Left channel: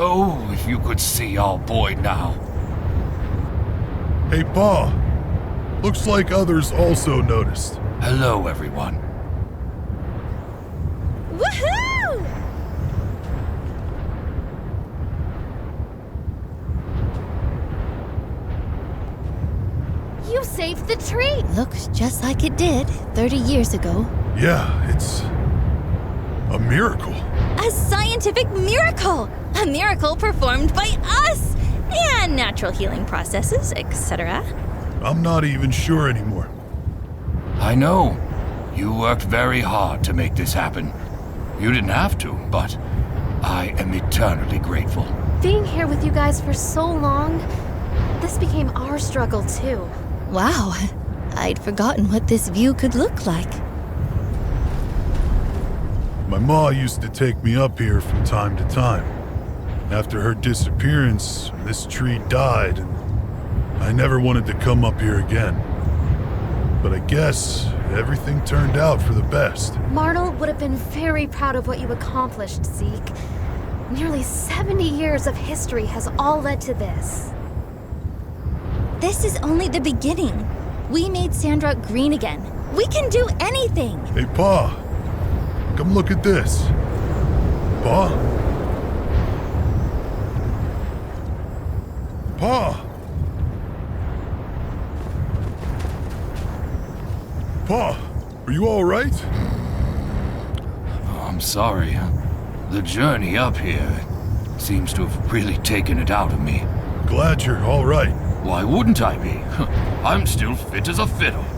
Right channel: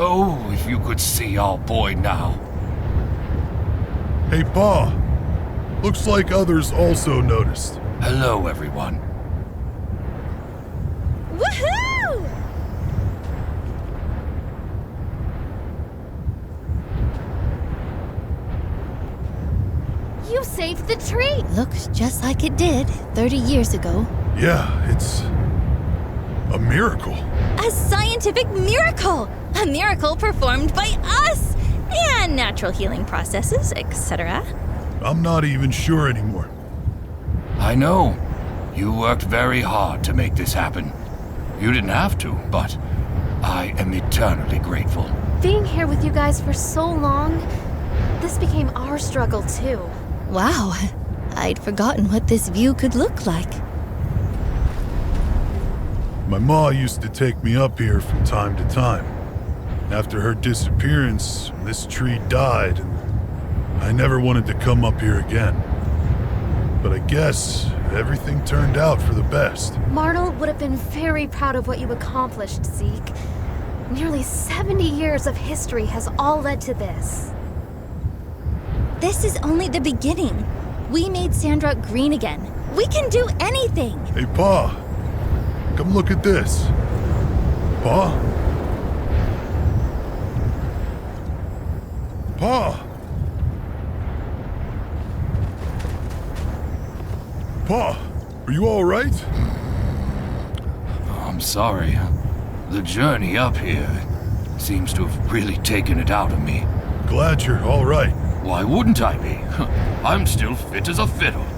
Oh, if you could see our boy now. Hey, Pa. Looks like others also noticed. Hello, everyone. Woohoo! You saved the tree! Looks just like it did 30 years ago. Yeah, it's a miracle. A scientific miracle! A miracle performed by us! And natural healing processes, etc. I'm not even sure anymore. I know. You worked very hard to make this happen. You didn't have to, but I am eternally grateful. Being here with you guys for so long, this became our struggle too. Wow, I'd forgotten what this view could look like. My ma used to take me up here from time to time. After her disappearance, this tree died, and I never wanted to come up here again. But I guess everything turned out for the best. Martel would have been very proud of what you accomplished, Zeke. Nearly 70 years of history has all led to this. This is only the beginning. We made Sandrock green again. We can do anything! Hey, Pa. Come look at this. Pa? Pa! Pa, are you all right? Oh, I'm sorry. The journey up here seems to have really taken it out of me. Glad you're all right. Why wouldn't I be? I'm still fit as a fiddle.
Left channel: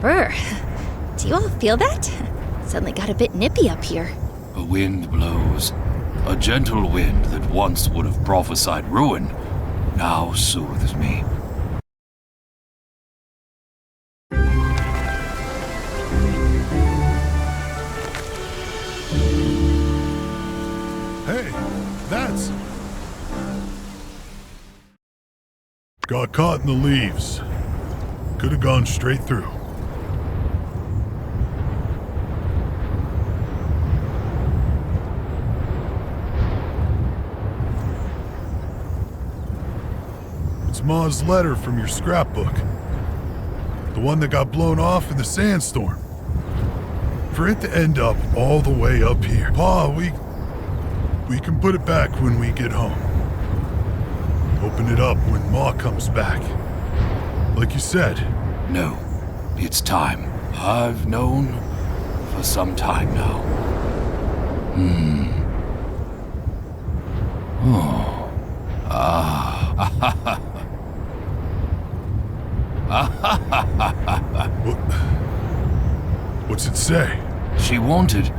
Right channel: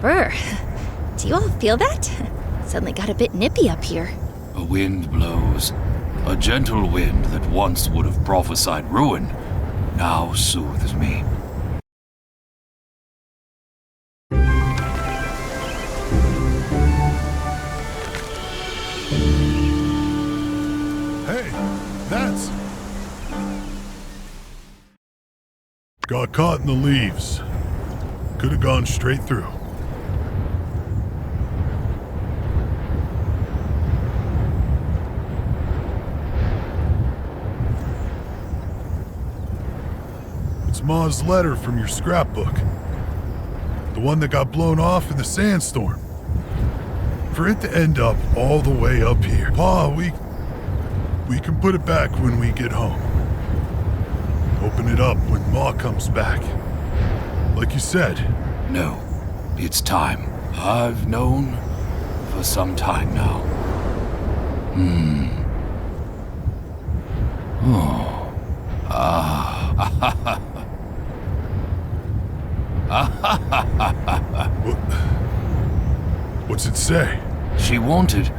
Brr. Do you all feel that? Suddenly got a bit nippy up here. A wind blows. A gentle wind that once would have prophesied ruin now soothes me. Hey, that's... Got caught in the leaves. Could have gone straight through. It's Ma's letter from your scrapbook. The one that got blown off in the sandstorm. For it to end up all the way up here. Pa, we can put it back when we get home. Open it up when Ma comes back. Like you said. No, it's time. I've known for some time now. Oh. Ah. What's it say? She wanted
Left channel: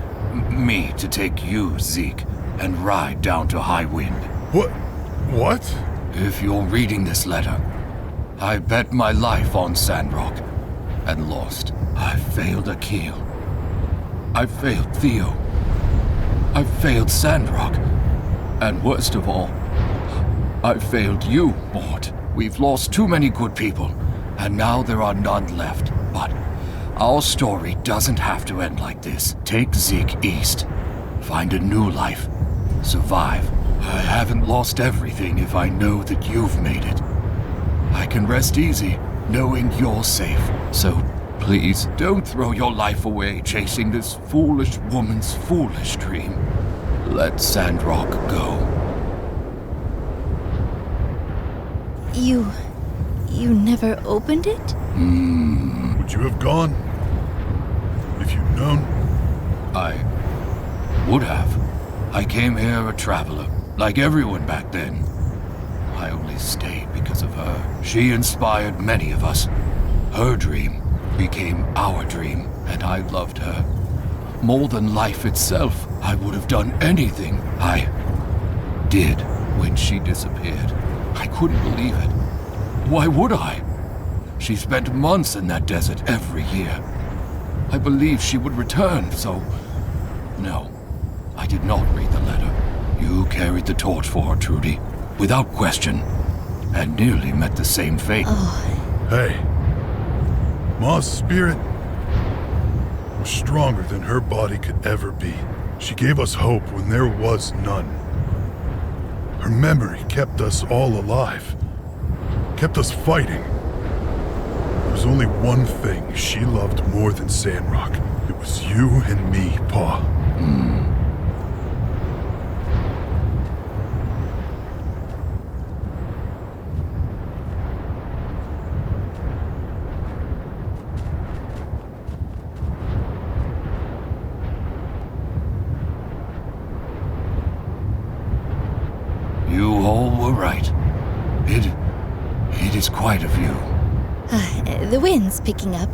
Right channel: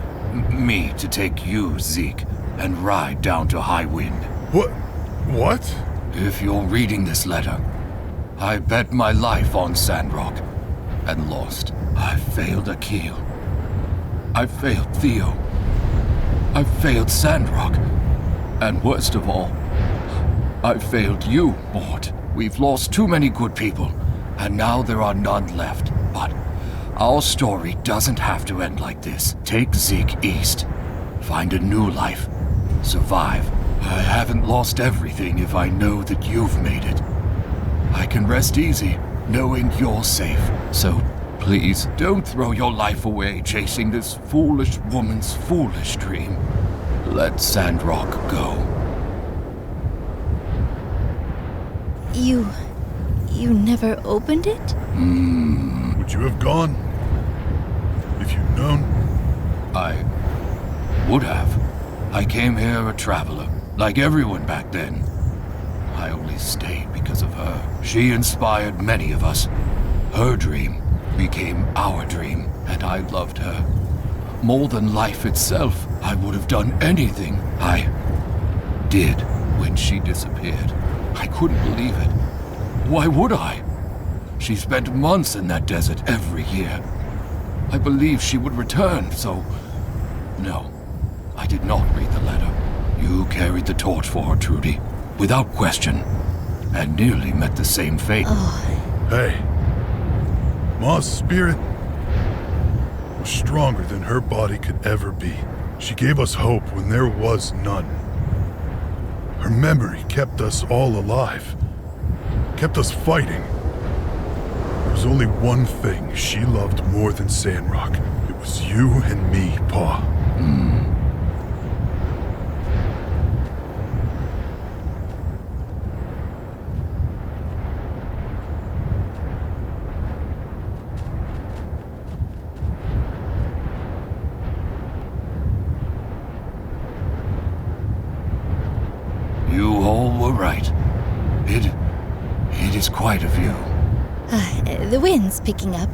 me to take you, Zeke, and ride down to High Wind. What? If you're reading this letter, I bet my life on Sandrock and lost. I failed Akil. I failed Theo. I failed Sandrock. And worst of all, I failed you, Mort. We've lost too many good people, and now there are none left. But our story doesn't have to end like this. Take Zeke east. Find a new life. Survive. I haven't lost everything if I know that you've made it. I can rest easy knowing you're safe. So please, don't throw your life away chasing this foolish woman's foolish dream. Let Sandrock go. You never opened it? Would you have gone? If you'd known? I would have. I came here a traveler, like everyone back then. I only stayed because of her. She inspired many of us. Her dream became our dream, and I loved her. More than life itself, I would have done anything. I did when she disappeared. I couldn't believe it. Why would I? She spent months in that desert every year. I believed she would return, so... No, I did not read the letter. You carried the torch for her, Trudy, without question, and nearly met the same fate. Oh, Hey, Ma's spirit was stronger than her body could ever be. She gave us hope when there was none. Her memory kept us all alive, kept us fighting. There was only one thing she loved more than Sandrock. It was you and me, Pa. You all were right. It is quite a view. The wind's picking up.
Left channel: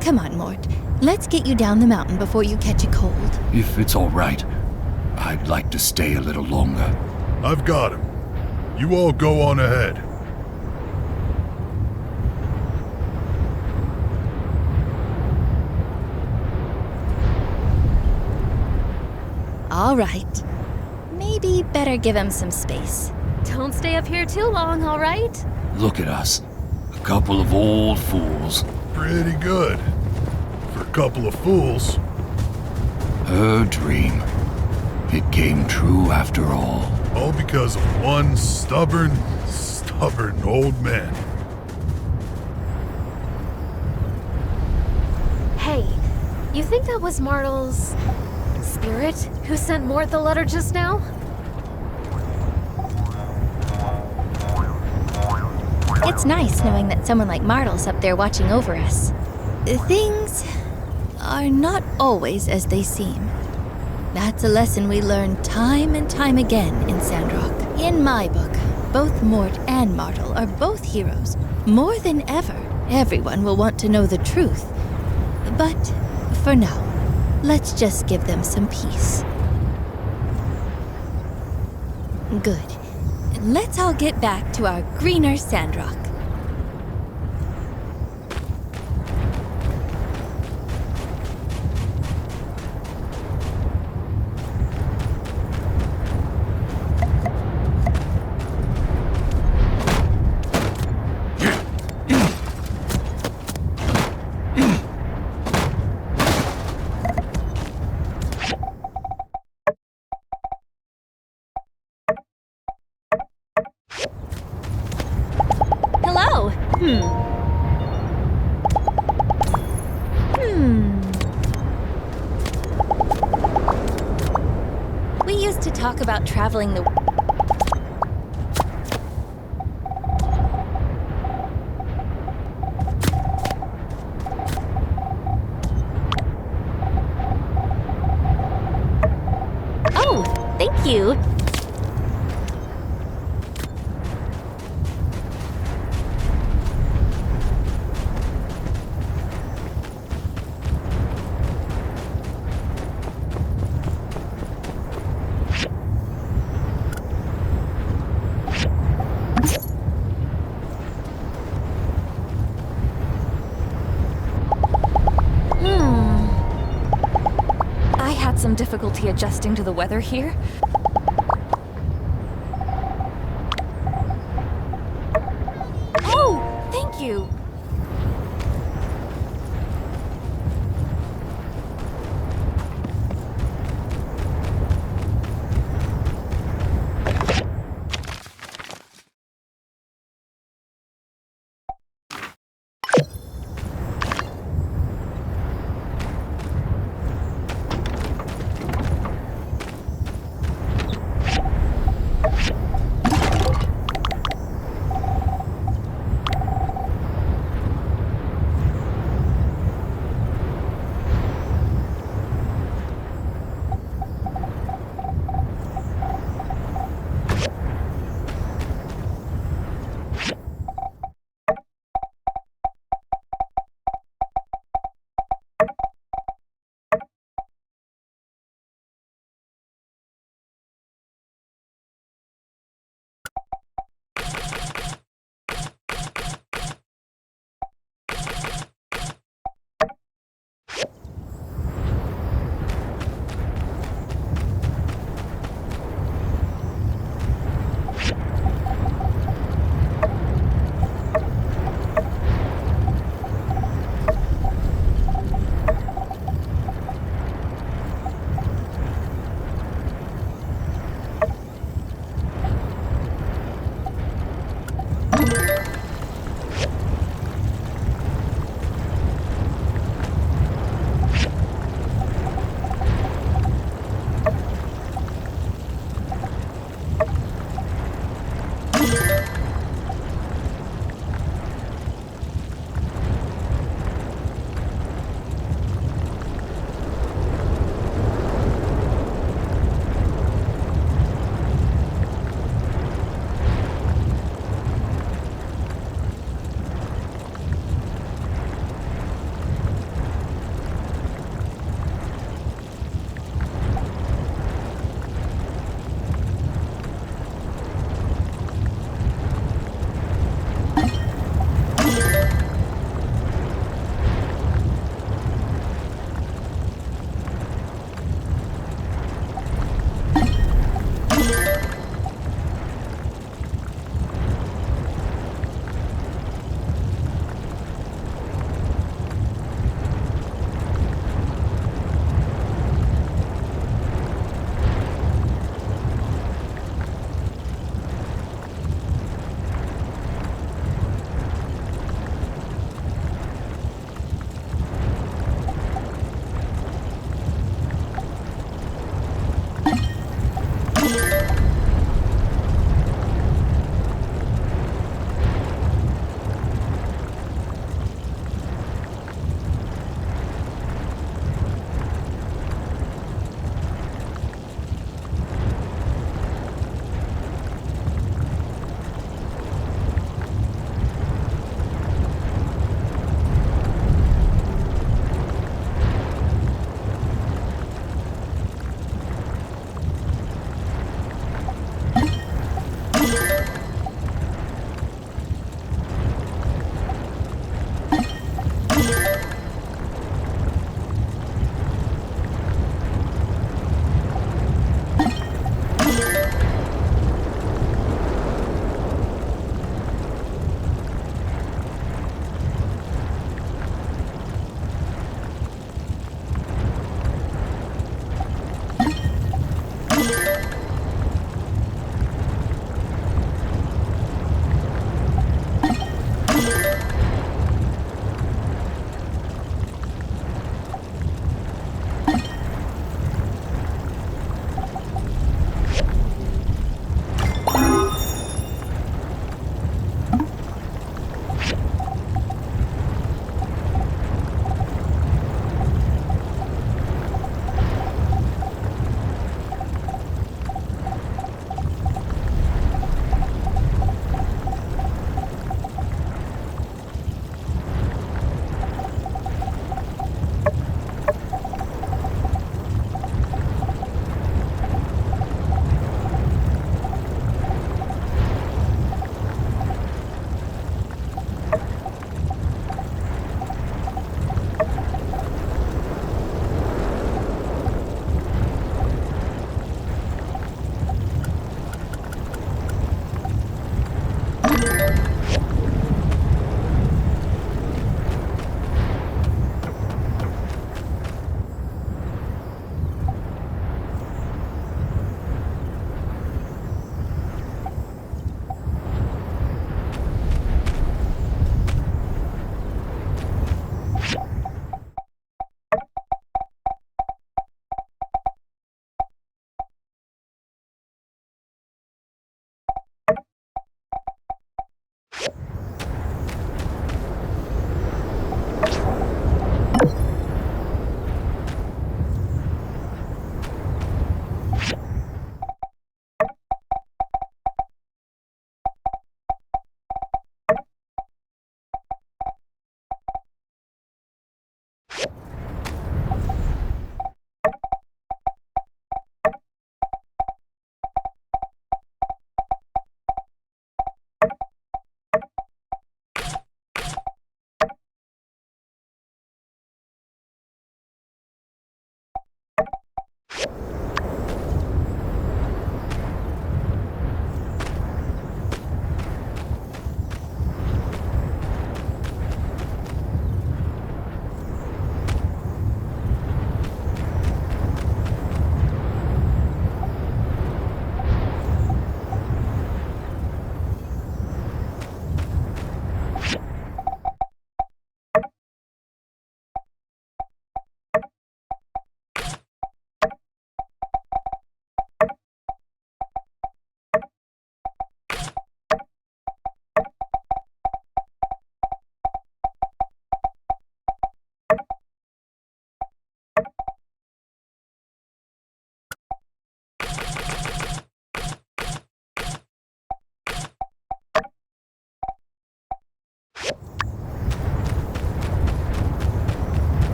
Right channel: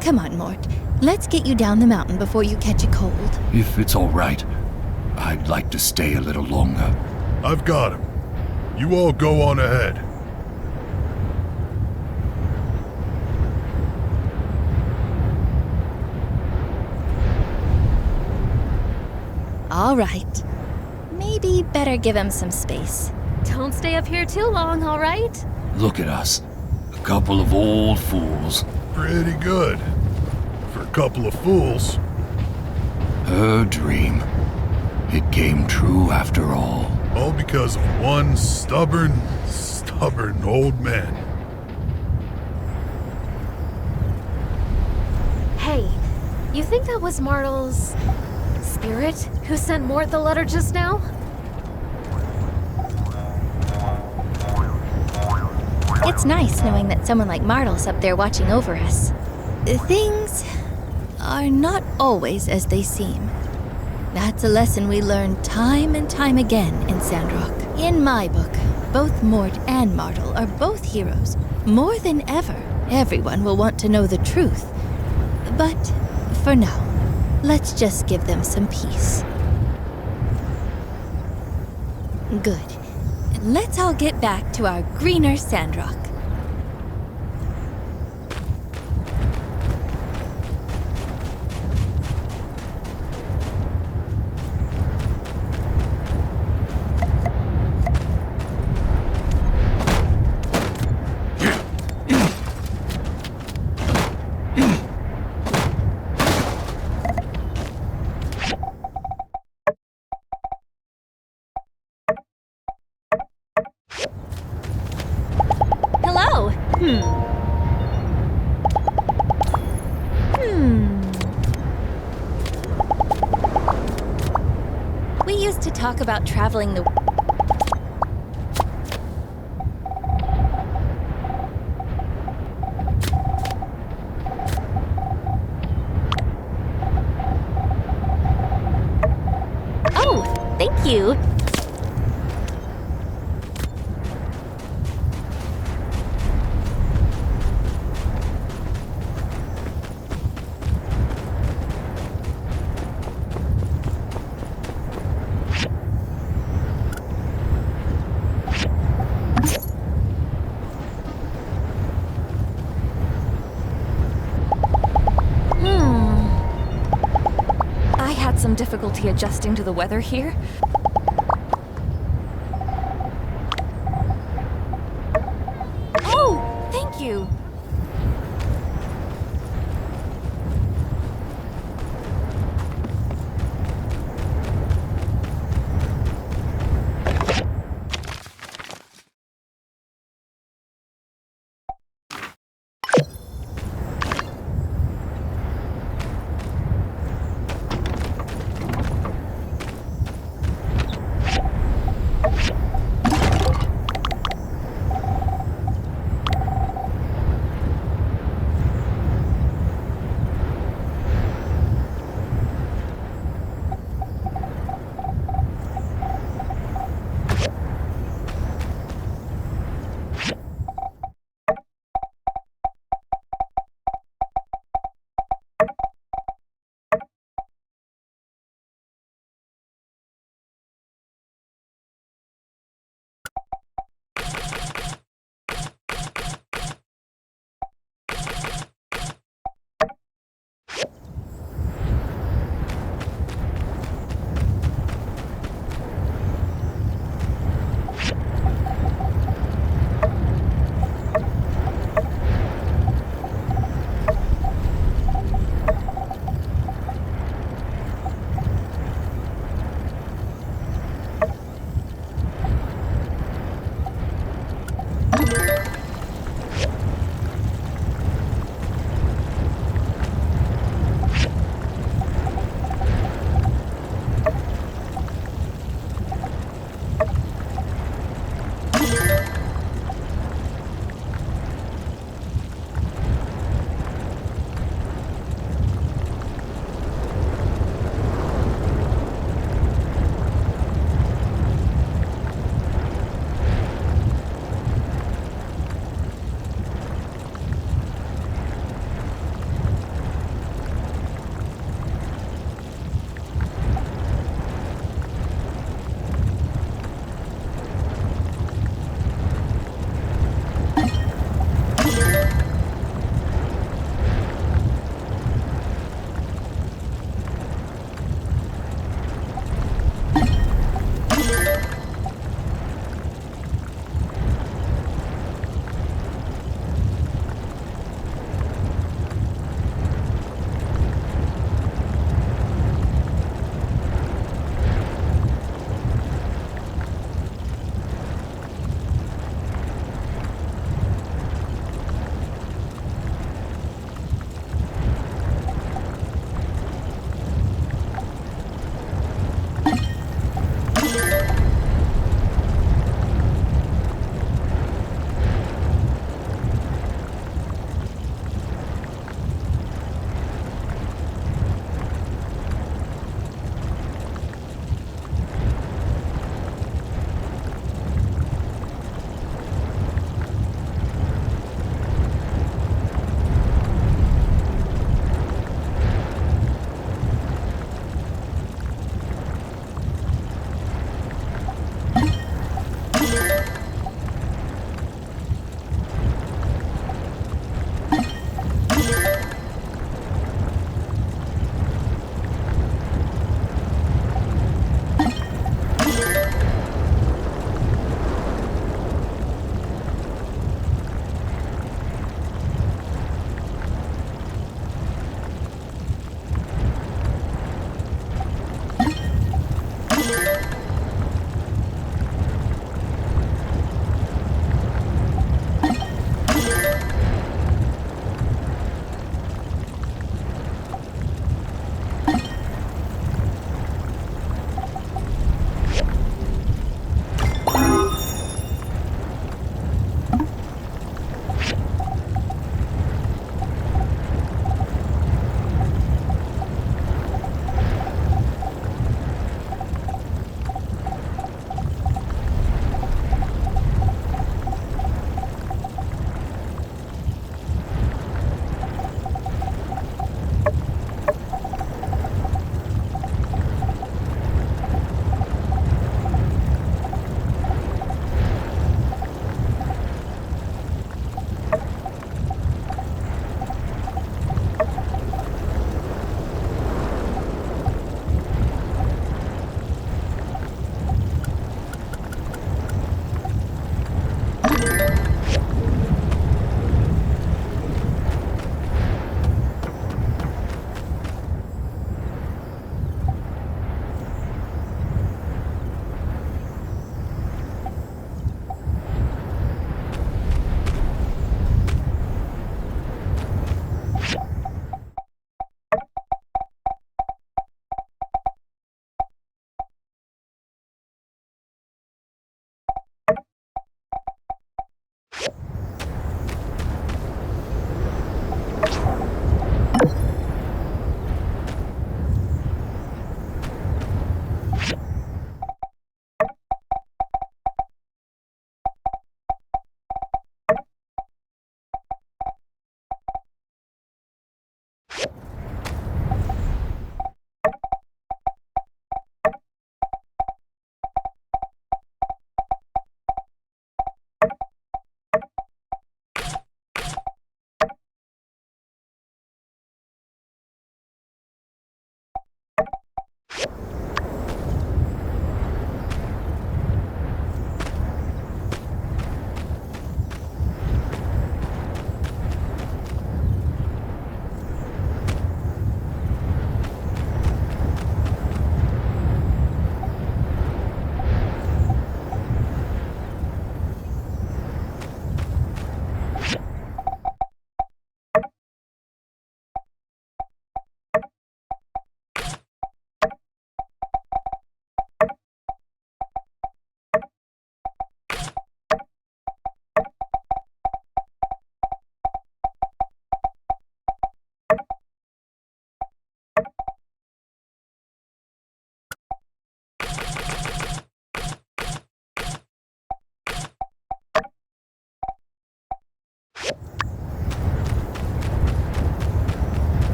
Come on, Mort. Let's get you down the mountain before you catch a cold. If it's all right, I'd like to stay a little longer. I've got him. You all go on ahead. All right. Maybe better give him some space. Don't stay up here too long, all right? Look at us. A couple of old fools. Pretty good. For a couple of fools. Her dream. It came true after all. All because of one stubborn old man. Hey, you think that was Martel's spirit who sent Mort the letter just now? It's nice knowing that someone like Martel's up there watching over us. Things are not always as they seem. That's a lesson we learn time and time again in Sandrock. In my book, both Mort and Martel are both heroes. More than ever, everyone will want to know the truth. But for now, let's just give them some peace. Good. Let's all get back to our greener Sandrock. Hello. We used to talk about traveling the... Oh, thank you. I had some difficulty adjusting to the weather here. Oh, thank you.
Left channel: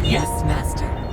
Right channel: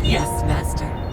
Yes, Master.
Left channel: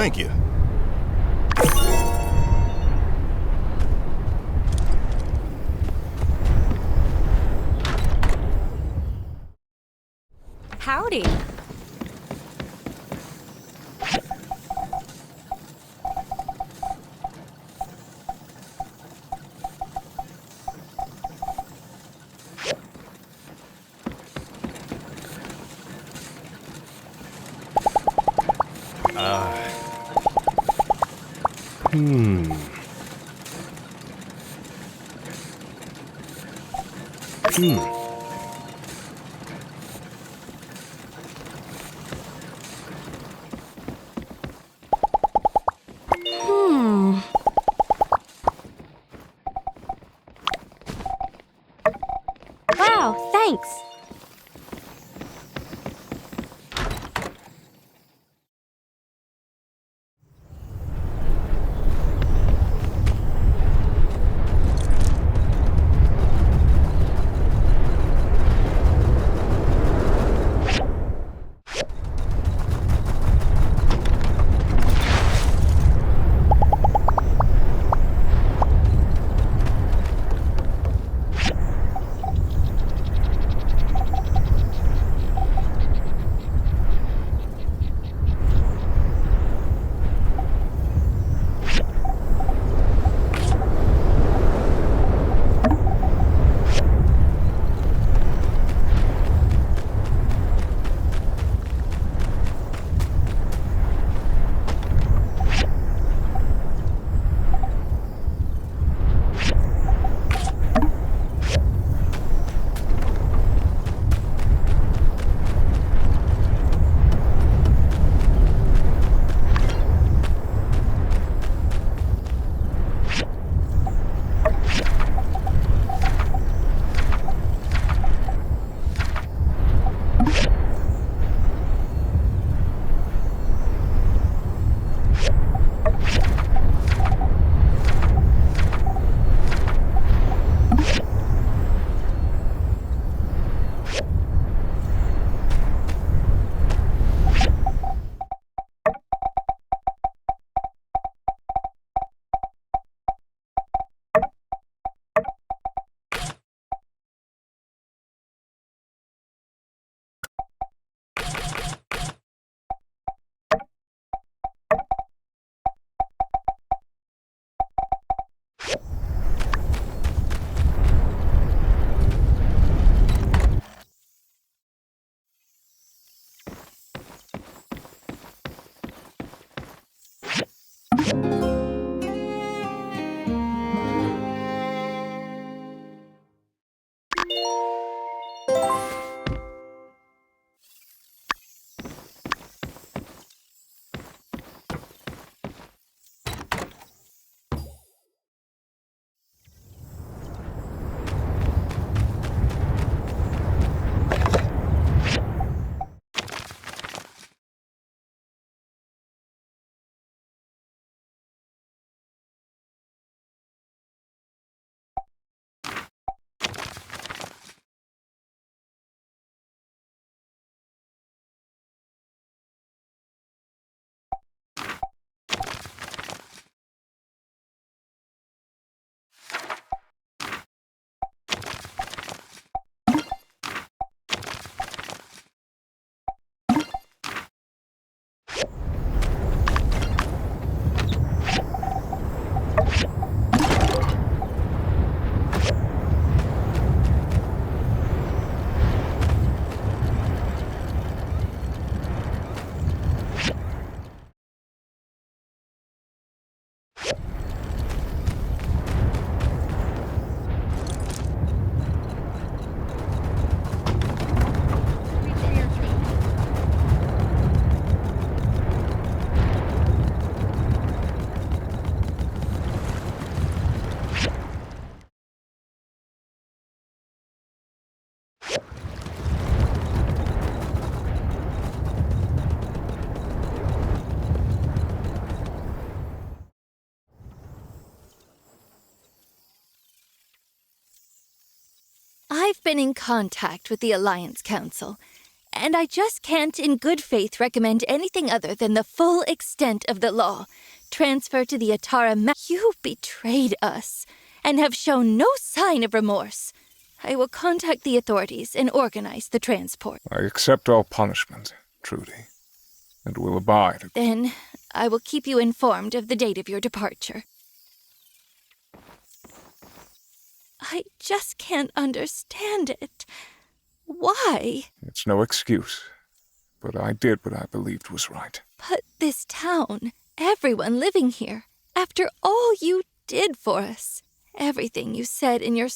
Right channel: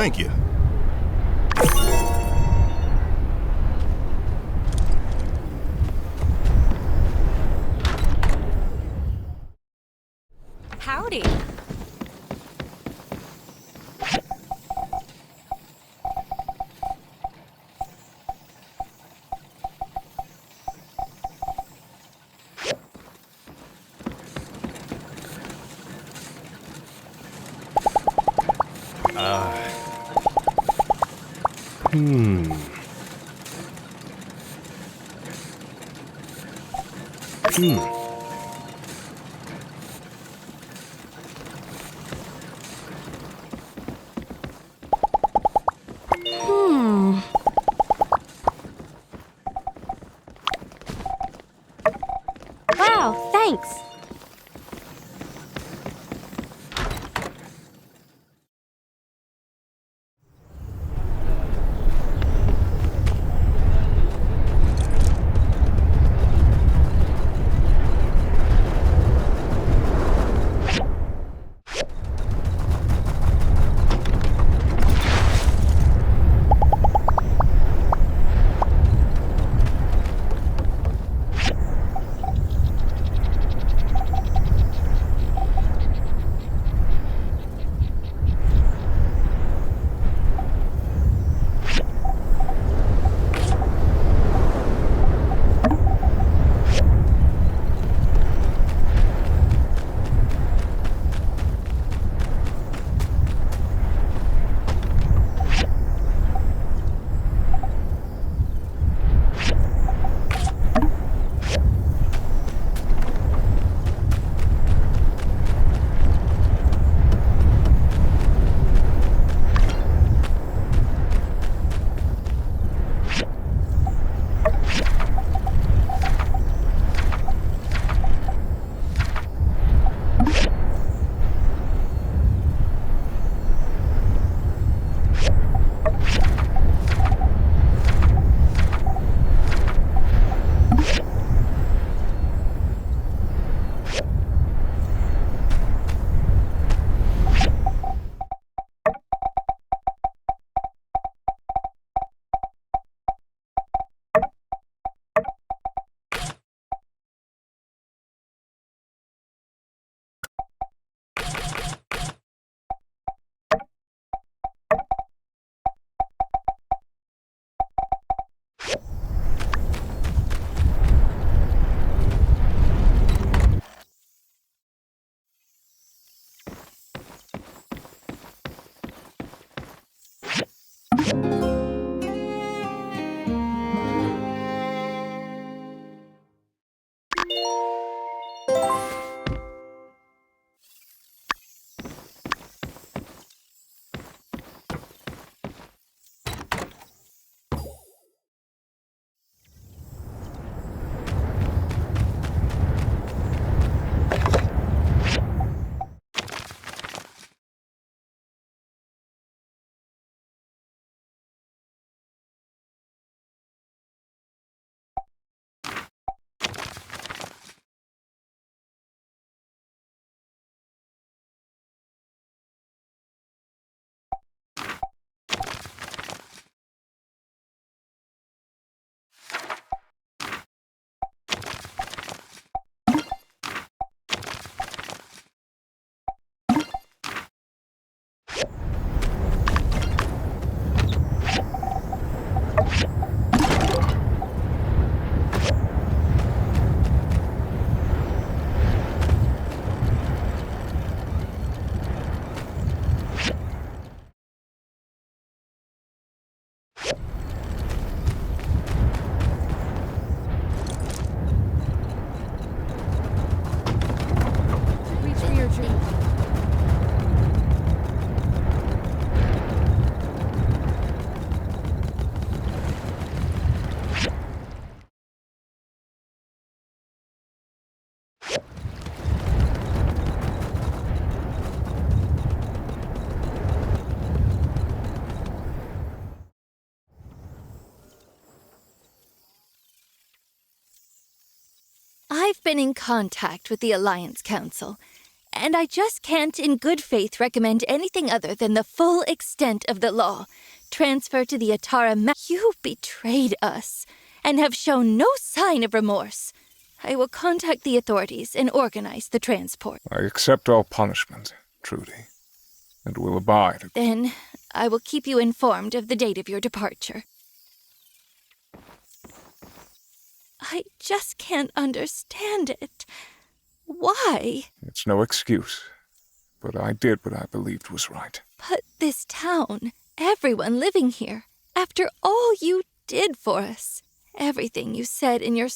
Thank you. Howdy. Wow, thanks. I've been in contact with the Alliance Council, and I just can't in good faith recommend anything other than the full extent of the law. Transfer to the You betrayed us, and have shown no sign of remorse. I will contact the authorities and organize the transport. I accept all punishment, Trudy, and will abide. Then I will keep you informed of the date of your departure. I just can't understand it. Why? It's no excuse, but I did what I believed was right. But this town, everyone living here, after all you did for us, everything you said in your...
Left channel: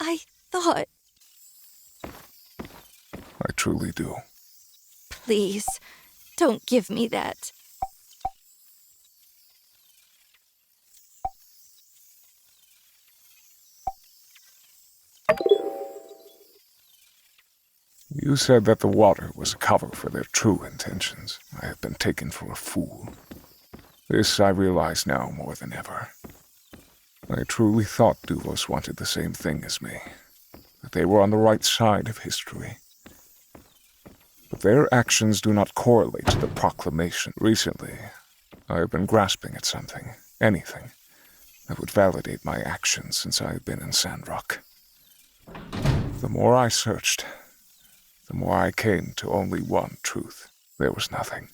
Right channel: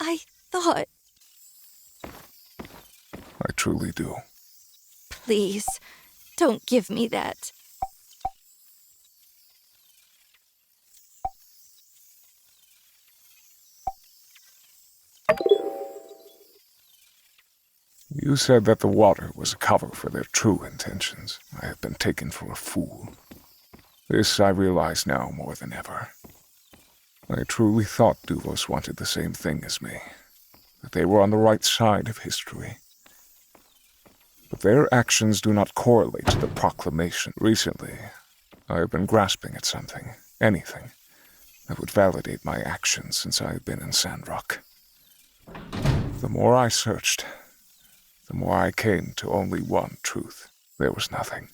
I thought... I truly do. Please, don't give me that. You said that the water was a cover for their true intentions. I have been taken for a fool. This I realize now more than ever. I truly thought Duvos wanted the same thing as me, that they were on the right side of history. But their actions do not correlate to the proclamation. Recently, I have been grasping at something, anything, that would validate my actions since I have been in Sandrock. The more I searched, the more I came to only one truth. There was nothing.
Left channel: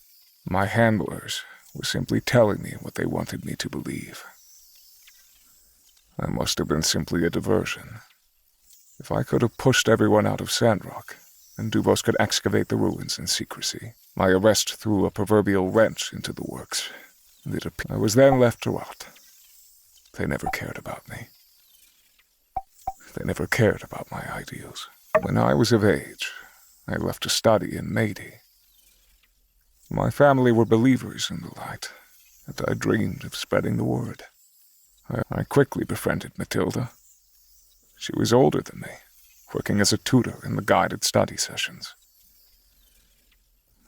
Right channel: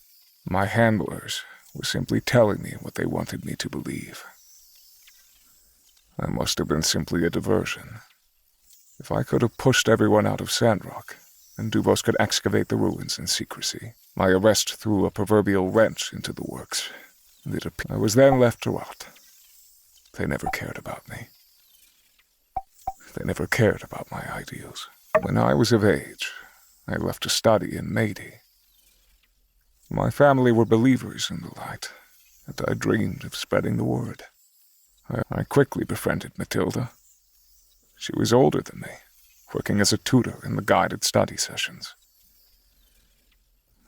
My handlers were simply telling me what they wanted me to believe. I must have been simply a diversion. If I could have pushed everyone out of Sandrock, then Duvos could excavate the ruins in secrecy. My arrest threw a proverbial wrench into the works. I was then left to rot. They never cared about me. They never cared about my ideals. When I was of age, I left to study in Maidi. My family were believers in the light, and I dreamed of spreading the word. I quickly befriended Matilda. She was older than me, working as a tutor in the guided study sessions.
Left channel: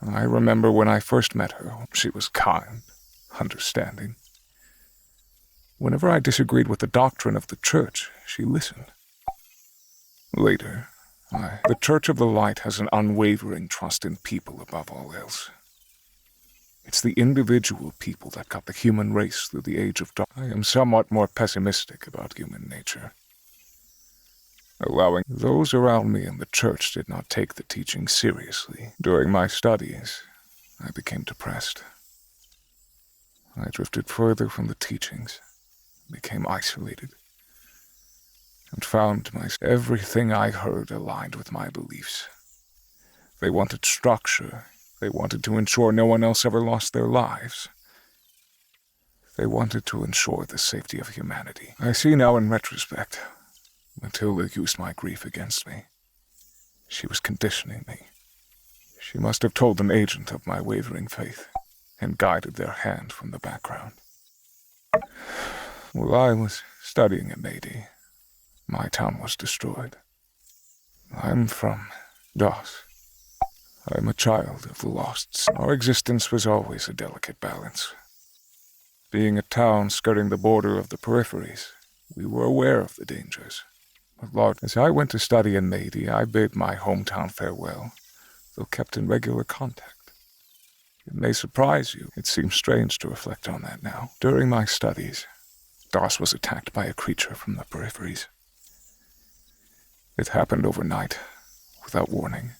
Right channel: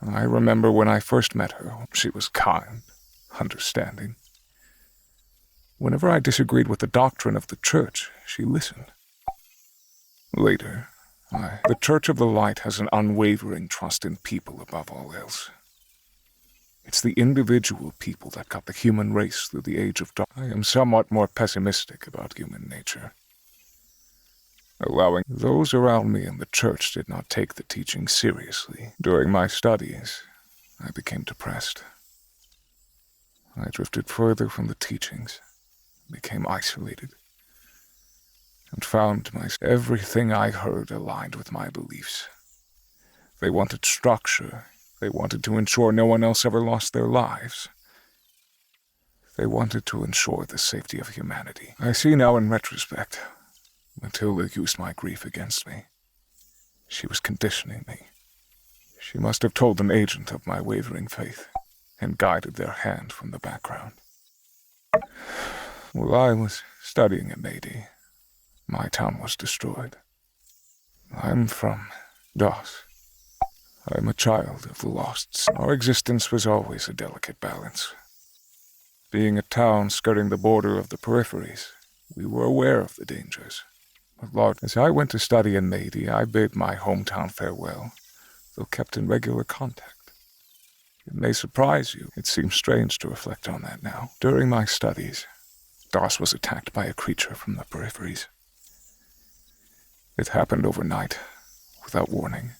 I remember when I first met her, she was kind, understanding. Whenever I disagreed with the doctrine of the Church, she listened. Later, the Church of the Light has an unwavering trust in people above all else. It's the individual people that got the human race through the age of dark. I am somewhat more pessimistic about human nature. Allowing those around me in the church did not take the teaching seriously. During my studies, I became depressed. I drifted further from the teachings, became isolated, and found everything I heard aligned with my beliefs. They wanted structure. They wanted to ensure no one else ever lost their lives. They wanted to ensure the safety of humanity. I see now in retrospect, Matilda used my grief against me. She was conditioning me. She must have told an agent of my wavering faith and guided their hand from the background. While I was studying at Maidi, my town was destroyed. I'm from Dos. I'm a child of the lost. Our existence was always a delicate balance. Being a town skirting the border of the peripheries, we were aware of the dangers. But Lord, as I went to study in Maidi, I bid my hometown farewell, though kept in regular contact. It may surprise you. It seems strange to reflect on that now. During my studies, Dos was attacked by a creature from the peripheries. It happened overnight, without warning.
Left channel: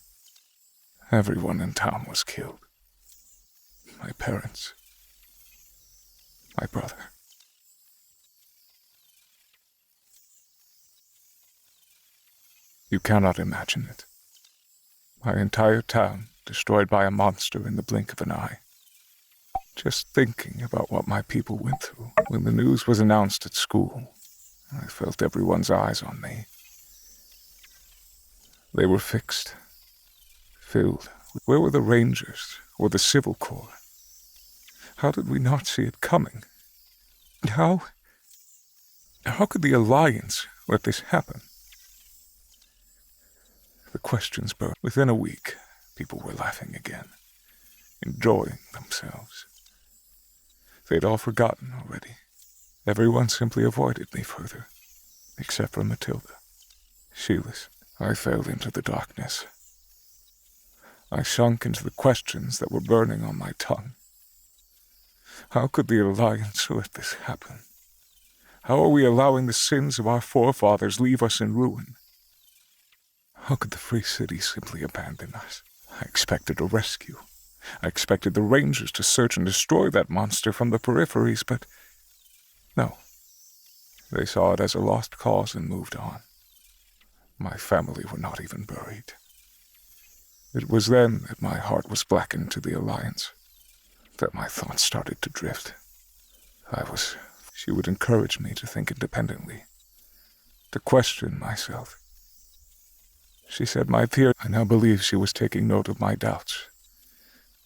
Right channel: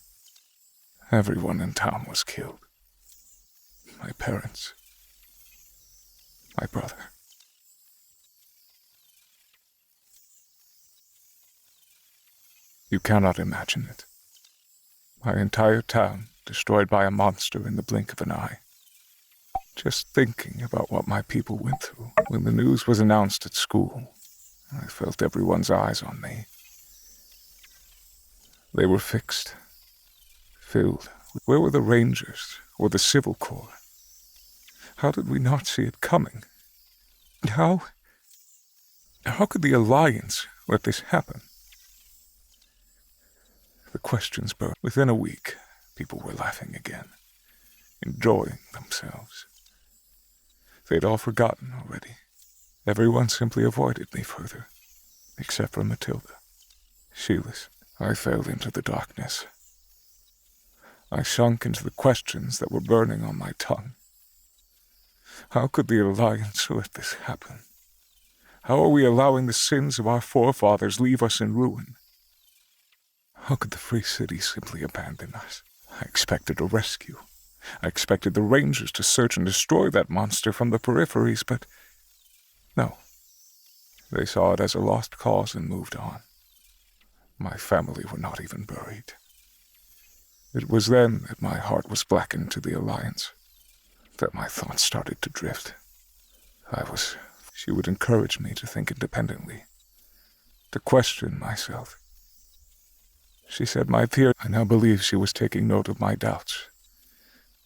Everyone in town was killed. My parents. My brother. You cannot imagine it. My entire town destroyed by a monster in the blink of an eye. Just thinking about what my people went through. When the news was announced at school, I felt everyone's eyes on me. They were fixed, filled. Where were the Rangers or the Civil Corps? How did we not see it coming? How could the Alliance let this happen? The questions burned. Within a week, people were laughing again, enjoying themselves. They'd all forgotten already. Everyone simply avoided me further, except for Matilda. She listened. I fell into the darkness. I sunk into the questions that were burning on my tongue. How could the Alliance let this happen? How are we allowing the sins of our forefathers leave us in ruin? How could the Free City simply abandon us? I expected a rescue. I expected the Rangers to search and destroy that monster from the peripheries, but no. They saw it as a lost cause and moved on. My family were not even buried. It was then that my heart was blackened to the Alliance, that my thoughts started to drift. She would encourage me to think independently, to question myself. She said my fear, I now believe she was taking note of my doubts,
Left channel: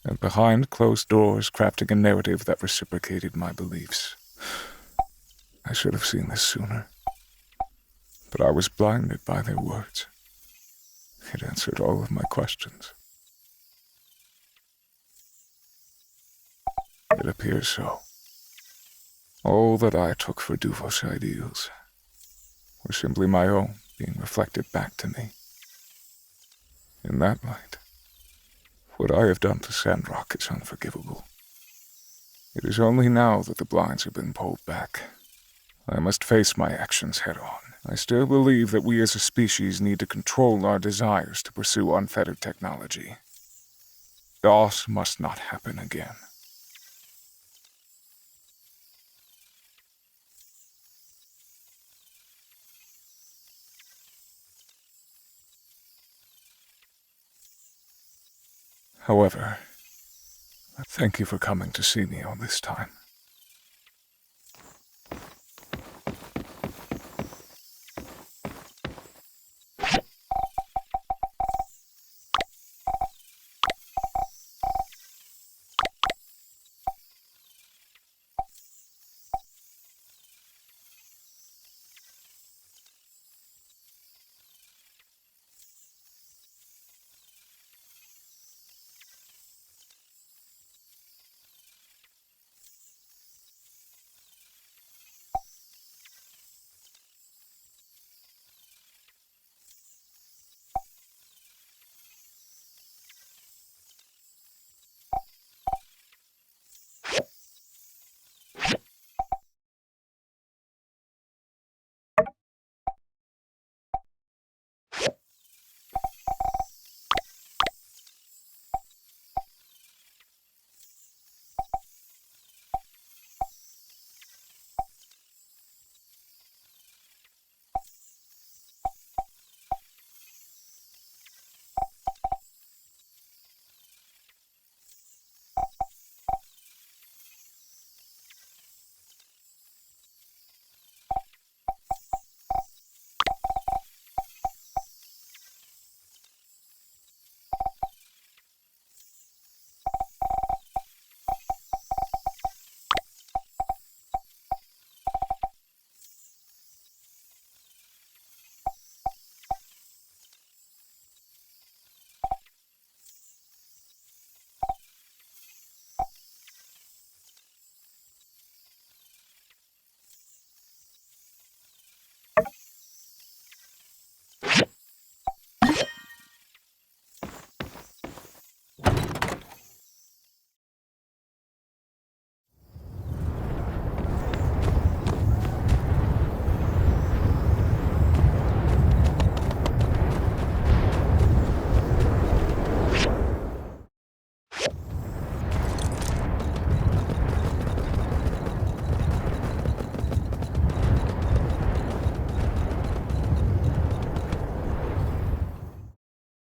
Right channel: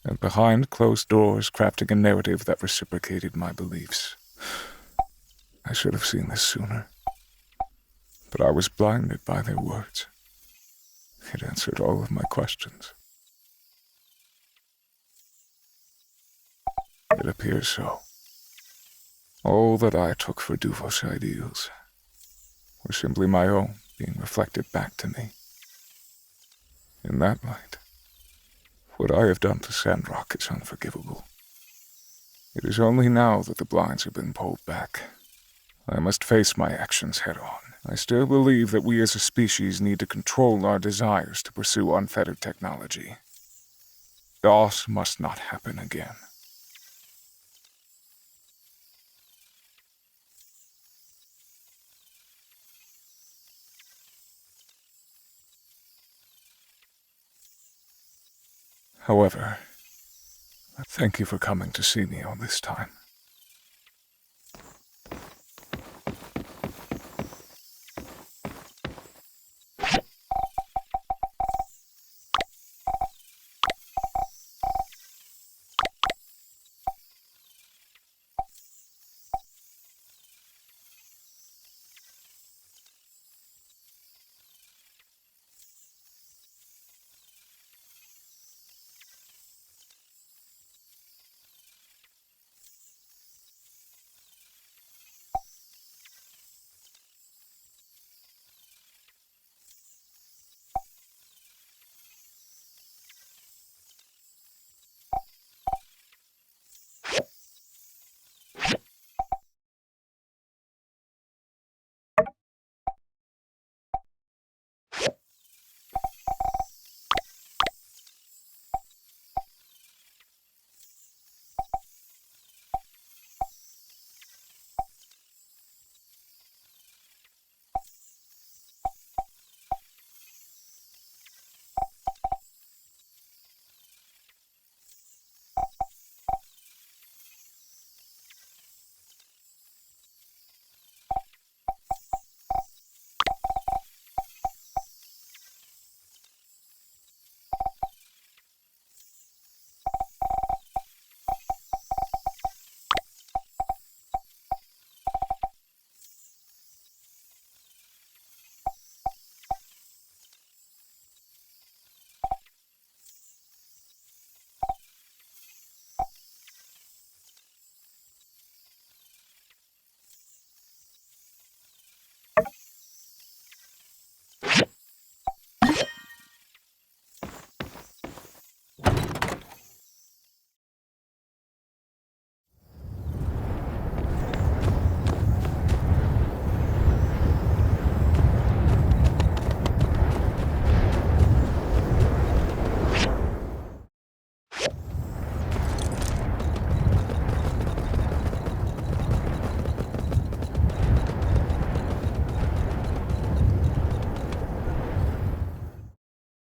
and behind closed doors crafting a narrative that reciprocated my beliefs. I should have seen this sooner, but I was blinded by their words. It answered all of my questions. It appears so. All that I took for Duvos ideals were simply my own being reflected back to me. In that light, what I have done to Sandrock is unforgivable. It is only now that the blinds have been pulled back. I must face my actions head-on. I still believe that we as a species need to control our desires to pursue unfettered technology. DOS must not happen again. However, thank you for coming to see me all this time.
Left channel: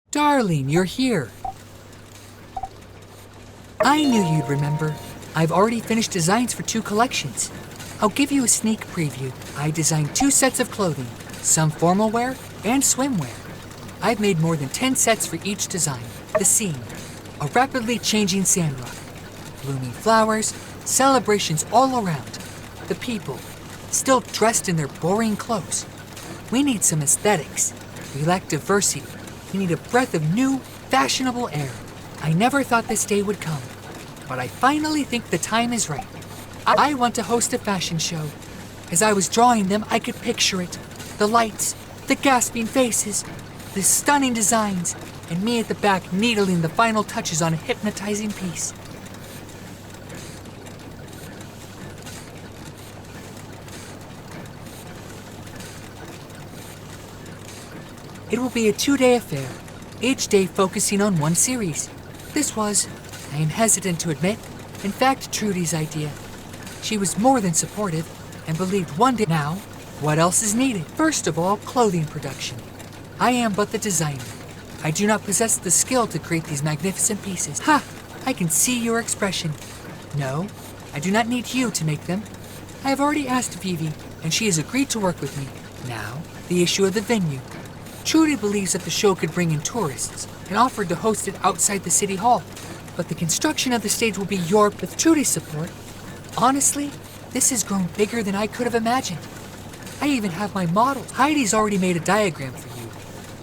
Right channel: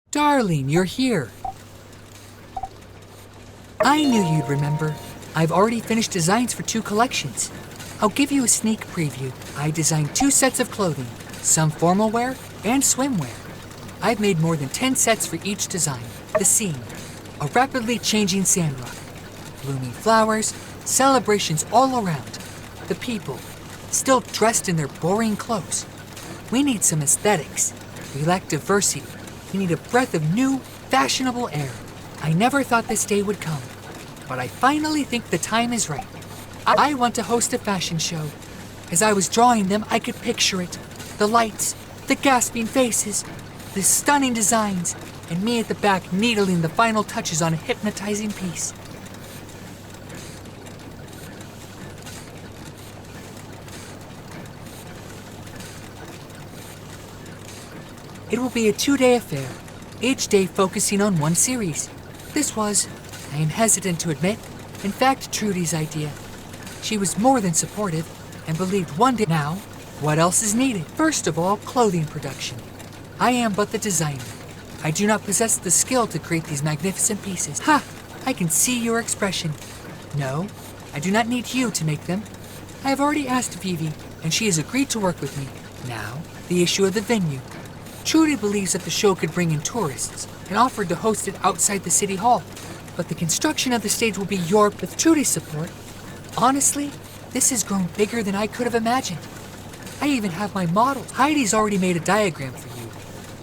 Darling, you're here. I knew you'd remember. I've already finished designs for 2 collections. I'll give you a sneak preview. I designed 2 sets of clothing, some formal wear and swimwear. I've made more than 10 sets for each design. The scene, a rapidly changing Sandrock. Blooming flowers, celebrations all around. The people, still dressed in their boring clothes. We need some aesthetics. We lack diversity. We need a breath of new, fashionable air. I never thought this day would come, but I finally think the time is right. I want to host a fashion show. As I was drawing them, I could picture it. The lights, the gasping faces, these stunning designs, and me at the back needling the final touches on a hypnotizing piece. It will be a 2-day affair, each day focusing on one series. This was, I am hesitant to admit, in fact Trudy's idea. She was more than supportive and believed one day. Now, what else is needed? First of all, clothing production. I am but the designer. I do not possess the skill to create these magnificent pieces. Ha! I can see your expression. No, I do not need you to make them. I have already asked Vivi, and she has agreed to work with me. Now, the issue of the venue. Trudy believes that the show could bring in tourists and offered to host it outside the city hall. But the construction of the stage will be with Trudy's support. Honestly, this has grown bigger than I could have imagined. I even have my models. Heidi's already made a diagram for you.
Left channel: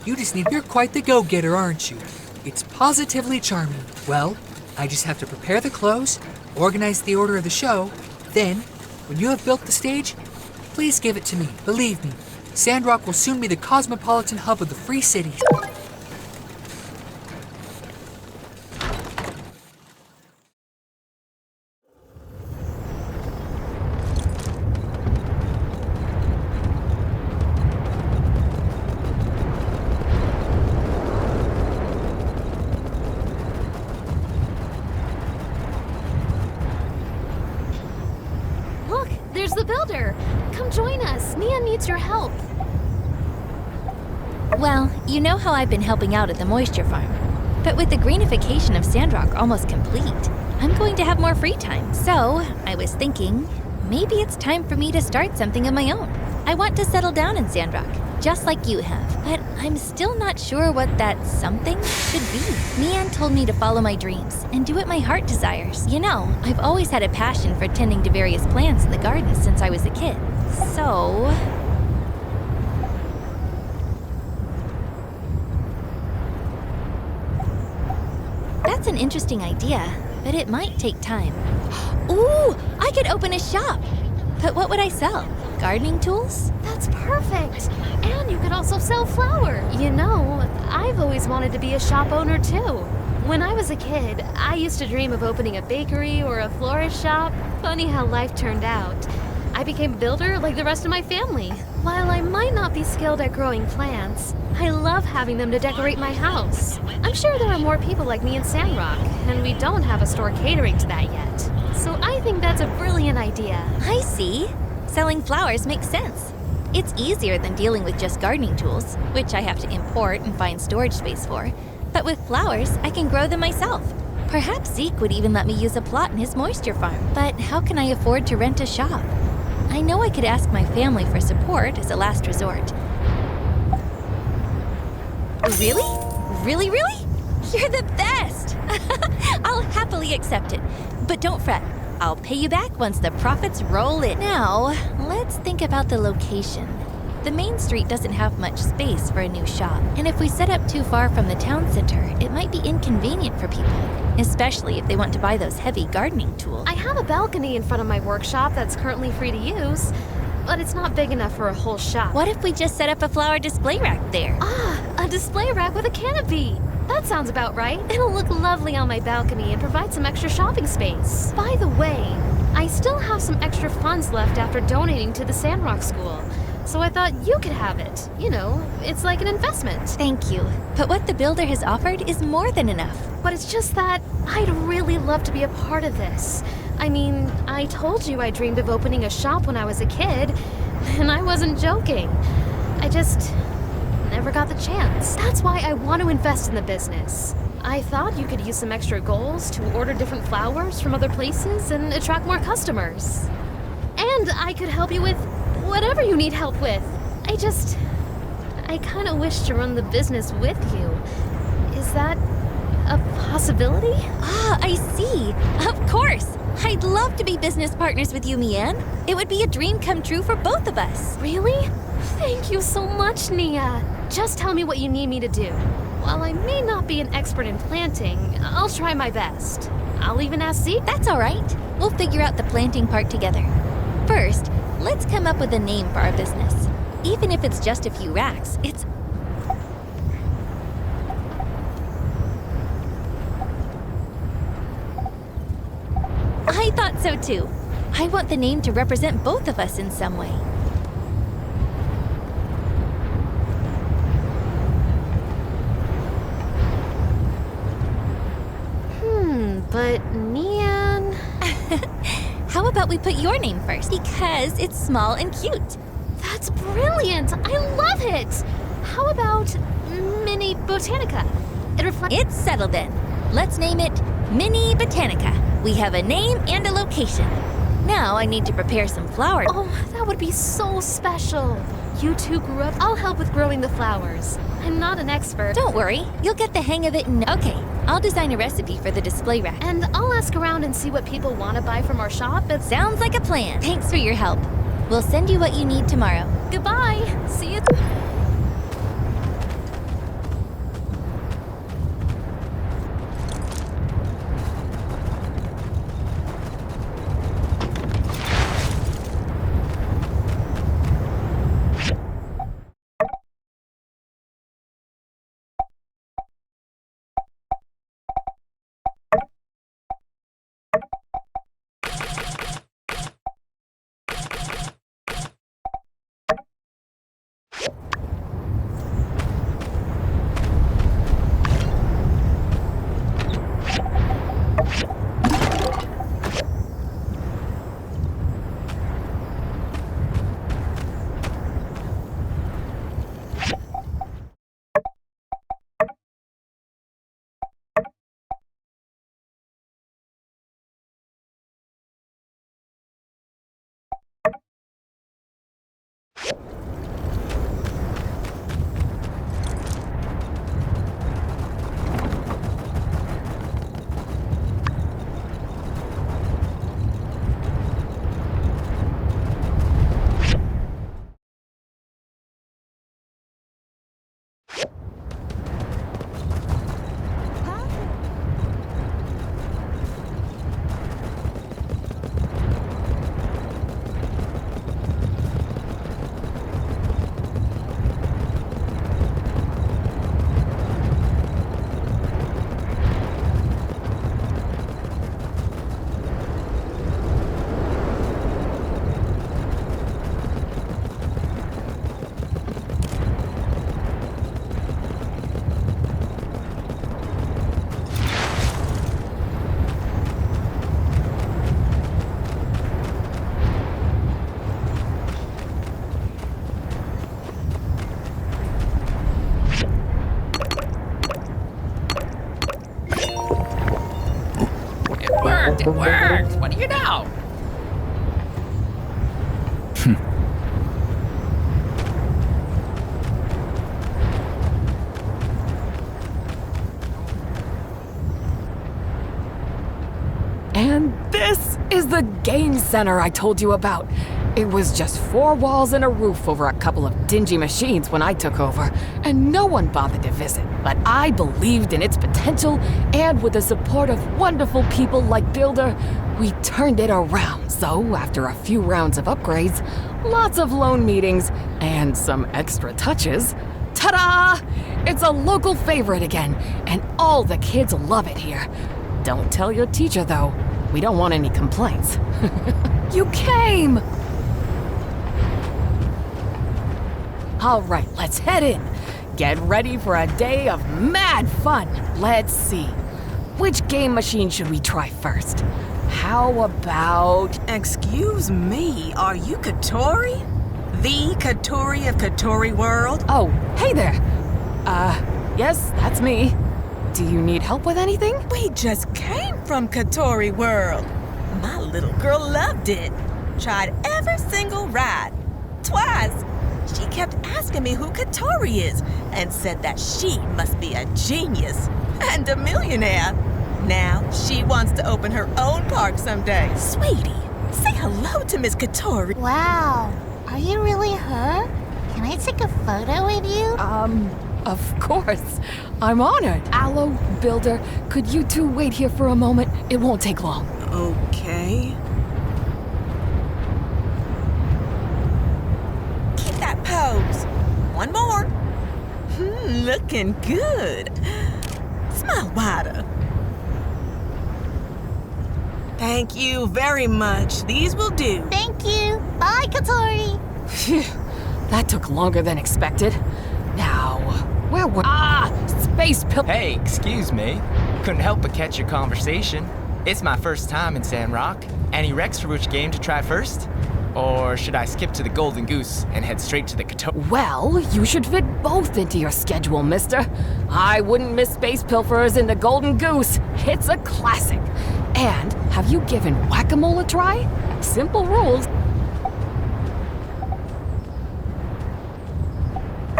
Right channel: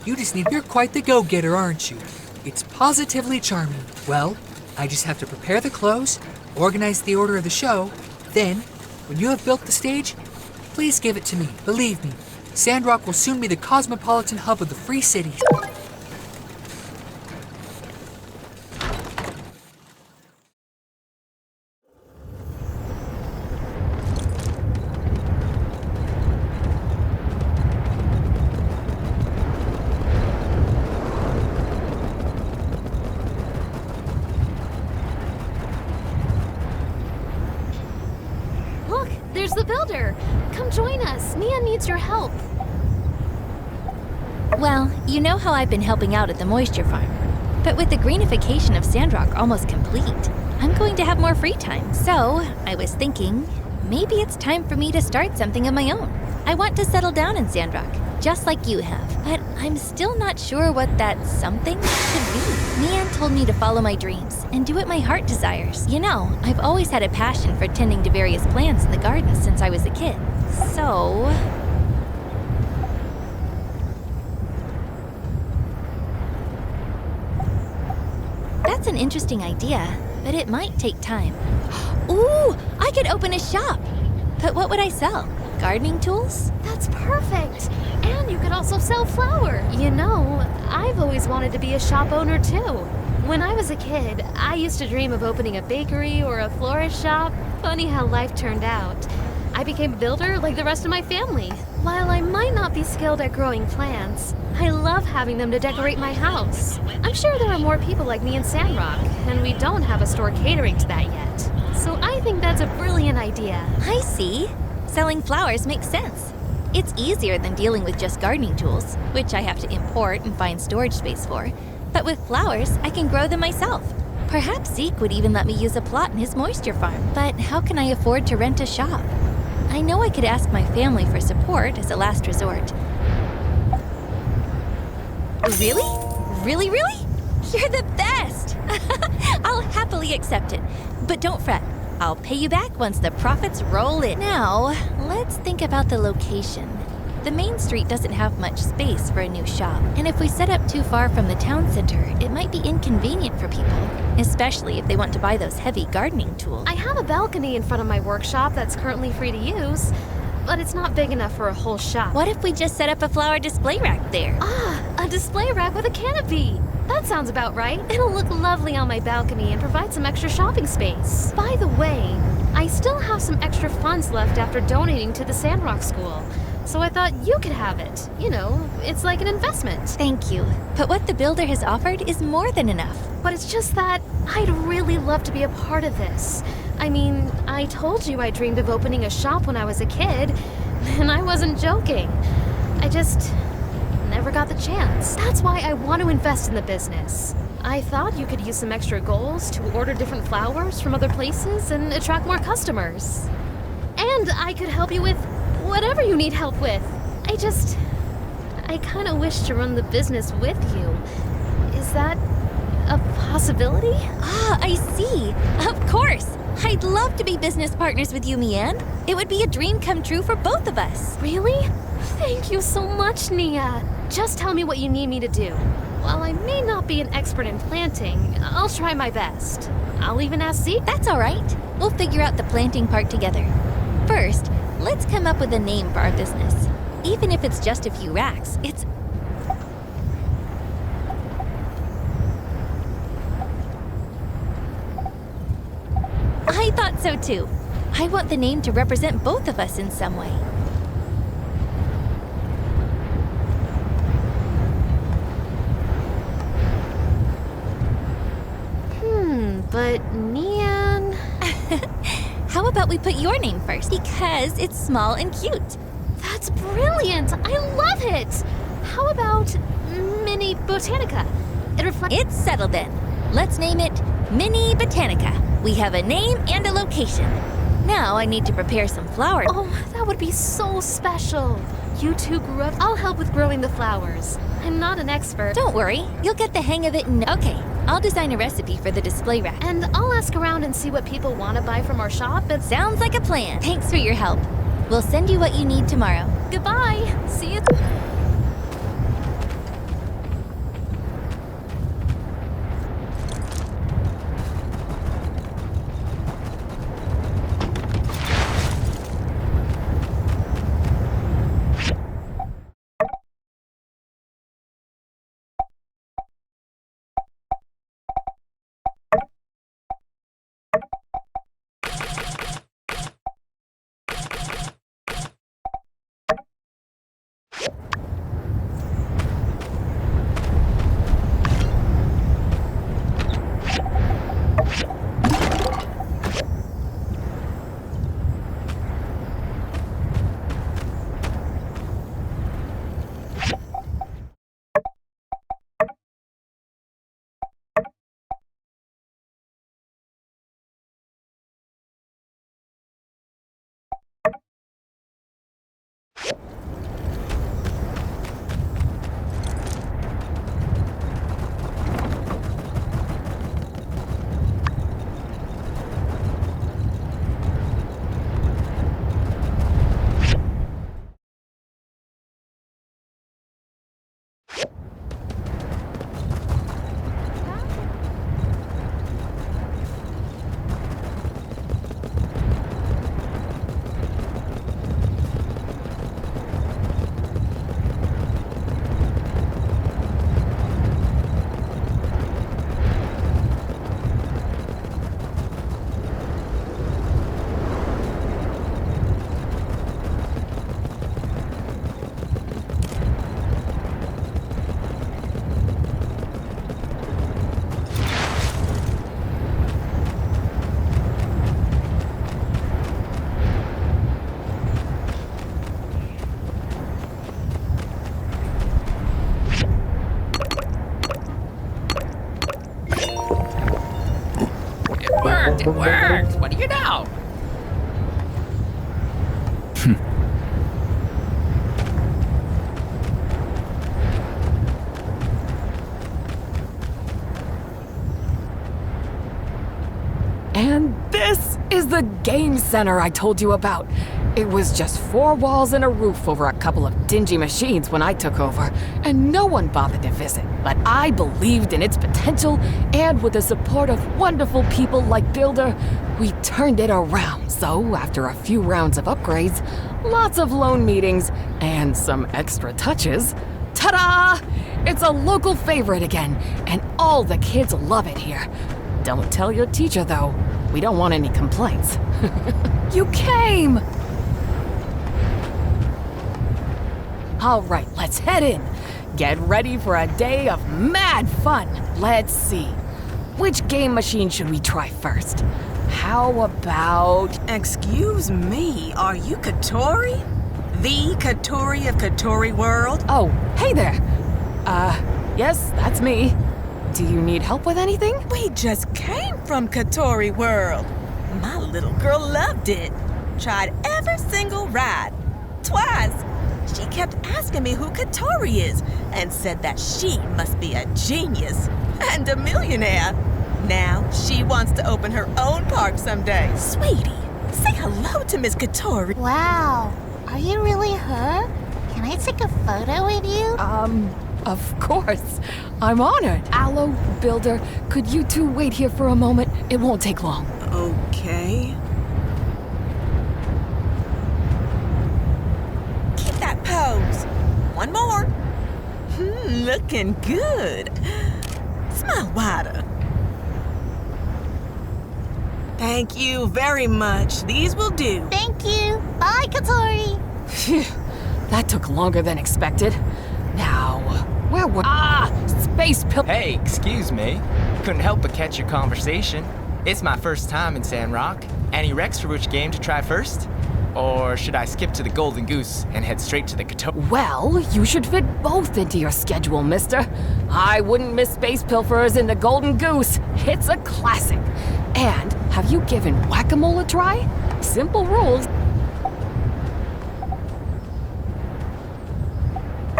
You just need. You're quite the go-getter, aren't you? It's positively charming. Well, I just have to prepare the clothes, organize the order of the show, then, when you have built the stage, please give it to me. Believe me, Sandrock will soon be the cosmopolitan hub of the Free Cities. Look, there's the builder. Come join us. Nia needs your help. Well, you know how I've been helping out at the moisture farm. But with the greenification of Sandrock almost complete, I'm going to have more free time. So, I was thinking, maybe it's time for me to start something of my own. I want to settle down in Sandrock, just like you have. But I'm still not sure what that something should be. Nian told me to follow my dreams and do what my heart desires. You know, I've always had a passion for tending to various plants in the garden since I was a kid. So... that's an interesting idea, but it might take time. Ooh, I could open a shop. But what would I sell? Gardening tools? That's perfect. And you could also sell flowers. You know, I've always wanted to be a shop owner too. When I was a kid, I used to dream of opening a bakery or a florist shop. Funny how life turned out. I became a builder like the rest of my family. While I might not be skilled at growing plants, I love having them to decorate my house. I'm sure there are more people like me in Sandrock, and we don't have a store catering to that yet. So I think that's a brilliant idea. I see. Selling flowers makes sense. It's easier than dealing with just gardening tools, which I have to import and find storage space for. But with flowers, I can grow them myself. Perhaps Zeke would even let me use a plot in his moisture farm. But how can I afford to rent a shop? I know I could ask my family for support as a last resort. Really? Really? You're the best! I'll happily accept it. But don't fret. I'll pay you back once the profits roll in. Now, let's think about the location. The main street doesn't have much space for a new shop. And if we set up too far from the town center, it might be inconvenient for people, especially if they want to buy those heavy gardening tools. I have a balcony in front of my workshop that's currently free to use, but it's not big enough for a whole shop. What if we just set up a flower display rack there? Ah, a display rack with a canopy. That sounds about right. It'll look lovely on my balcony and provide some extra shopping space. By the way, I still have some extra funds left after donating to the Sandrock School, so I thought you could have it. You know, it's like an investment. Thank you. But what the builder has offered is more than enough. But it's just that I'd really love to be a part of this. I mean, I told you I dreamed of opening a shop when I was a kid, and I wasn't joking. I just never got the chance. That's why I want to invest in the business. I thought you could use some extra goals to order different flowers from other places and attract more customers. And I could help you with whatever you need help with. I kind of wish to run the business with you. Is that a possibility? Ah, I see. Of course. I'd love to be business partners with you, Mian. It would be a dream come true for both of us. Really? Thank you so much, Nia. Just tell me what you need me to do. While I may not be an expert in planting, I'll try my best. I'll even ask Zeke. That's all right. We'll figure out the planting part together. First, let's come up with a name for our business. Even if it's just a few racks, thought so too. I want the name to represent both of us in some way. But Nian... How about we put your name first? Because it's small and cute. That's brilliant! I love it! How about Mini Botanica? It reflects... It's settled then. Let's name it Mini Botanica. We have a name and a location. Now I need to prepare some flowers. Oh, that would be so special. You two grew up. I'll help with growing the flowers. I'm not an expert. Don't worry, you'll get the hang of it in... Okay, I'll design a recipe for the display rack. And I'll ask around and see what people want to buy from our shop. Sounds like a plan. Thanks for your help. We'll send you what you need tomorrow. Goodbye. See you. It worked! What do you know? And this is the game center I told you about. It was just 4 walls and a roof over a couple of dingy machines when I took over, and no one bothered to visit. But I believed in its potential, and with the support of wonderful people like Builder, we turned it around. So, after a few rounds of upgrades, lots of loan meetings, and some extra touches, ta-da! It's a local favorite again, and all the kids love it here. Don't tell your teacher, though. We don't want any complaints. You came! All right, let's head in. Get ready for a day of mad fun. Let's see. Which game machine should we try first? How about... Excuse me, are you Katori? The Katori of Katori World? Oh, hey there. Yes, that's me. Do you need help with anything? We just came from Katori World. My little girl loved it. Tried every single ride. Twice. She kept asking me who Katori is and said that she must be a genius and a millionaire. Now she wants to open her own park someday. Sweetie, say hello to Miss Katori. Wow, are you really her? Can I take a photo with you? Of course. I'm honored. Aloe, Builder, could you two wait here for a moment? It won't take long. Okay. Keep that pose. One more. Looking good. Smile wider. Thank you very much. These will do. Thank you. Bye, Katori. Phew, that took longer than expected. Now, where were... Space pill... Hey, excuse me. Couldn't help but catch your conversation. It's my first time in Sandrock. Any recs for which game to try first? Or should I skip to the Golden Goose and head straight to the Kato? Well, you should fit both into your schedule, mister. I wouldn't miss Space Pilferers in the Golden Goose. It's a classic. And have you given Whack-A-Mole a try? Simple rules.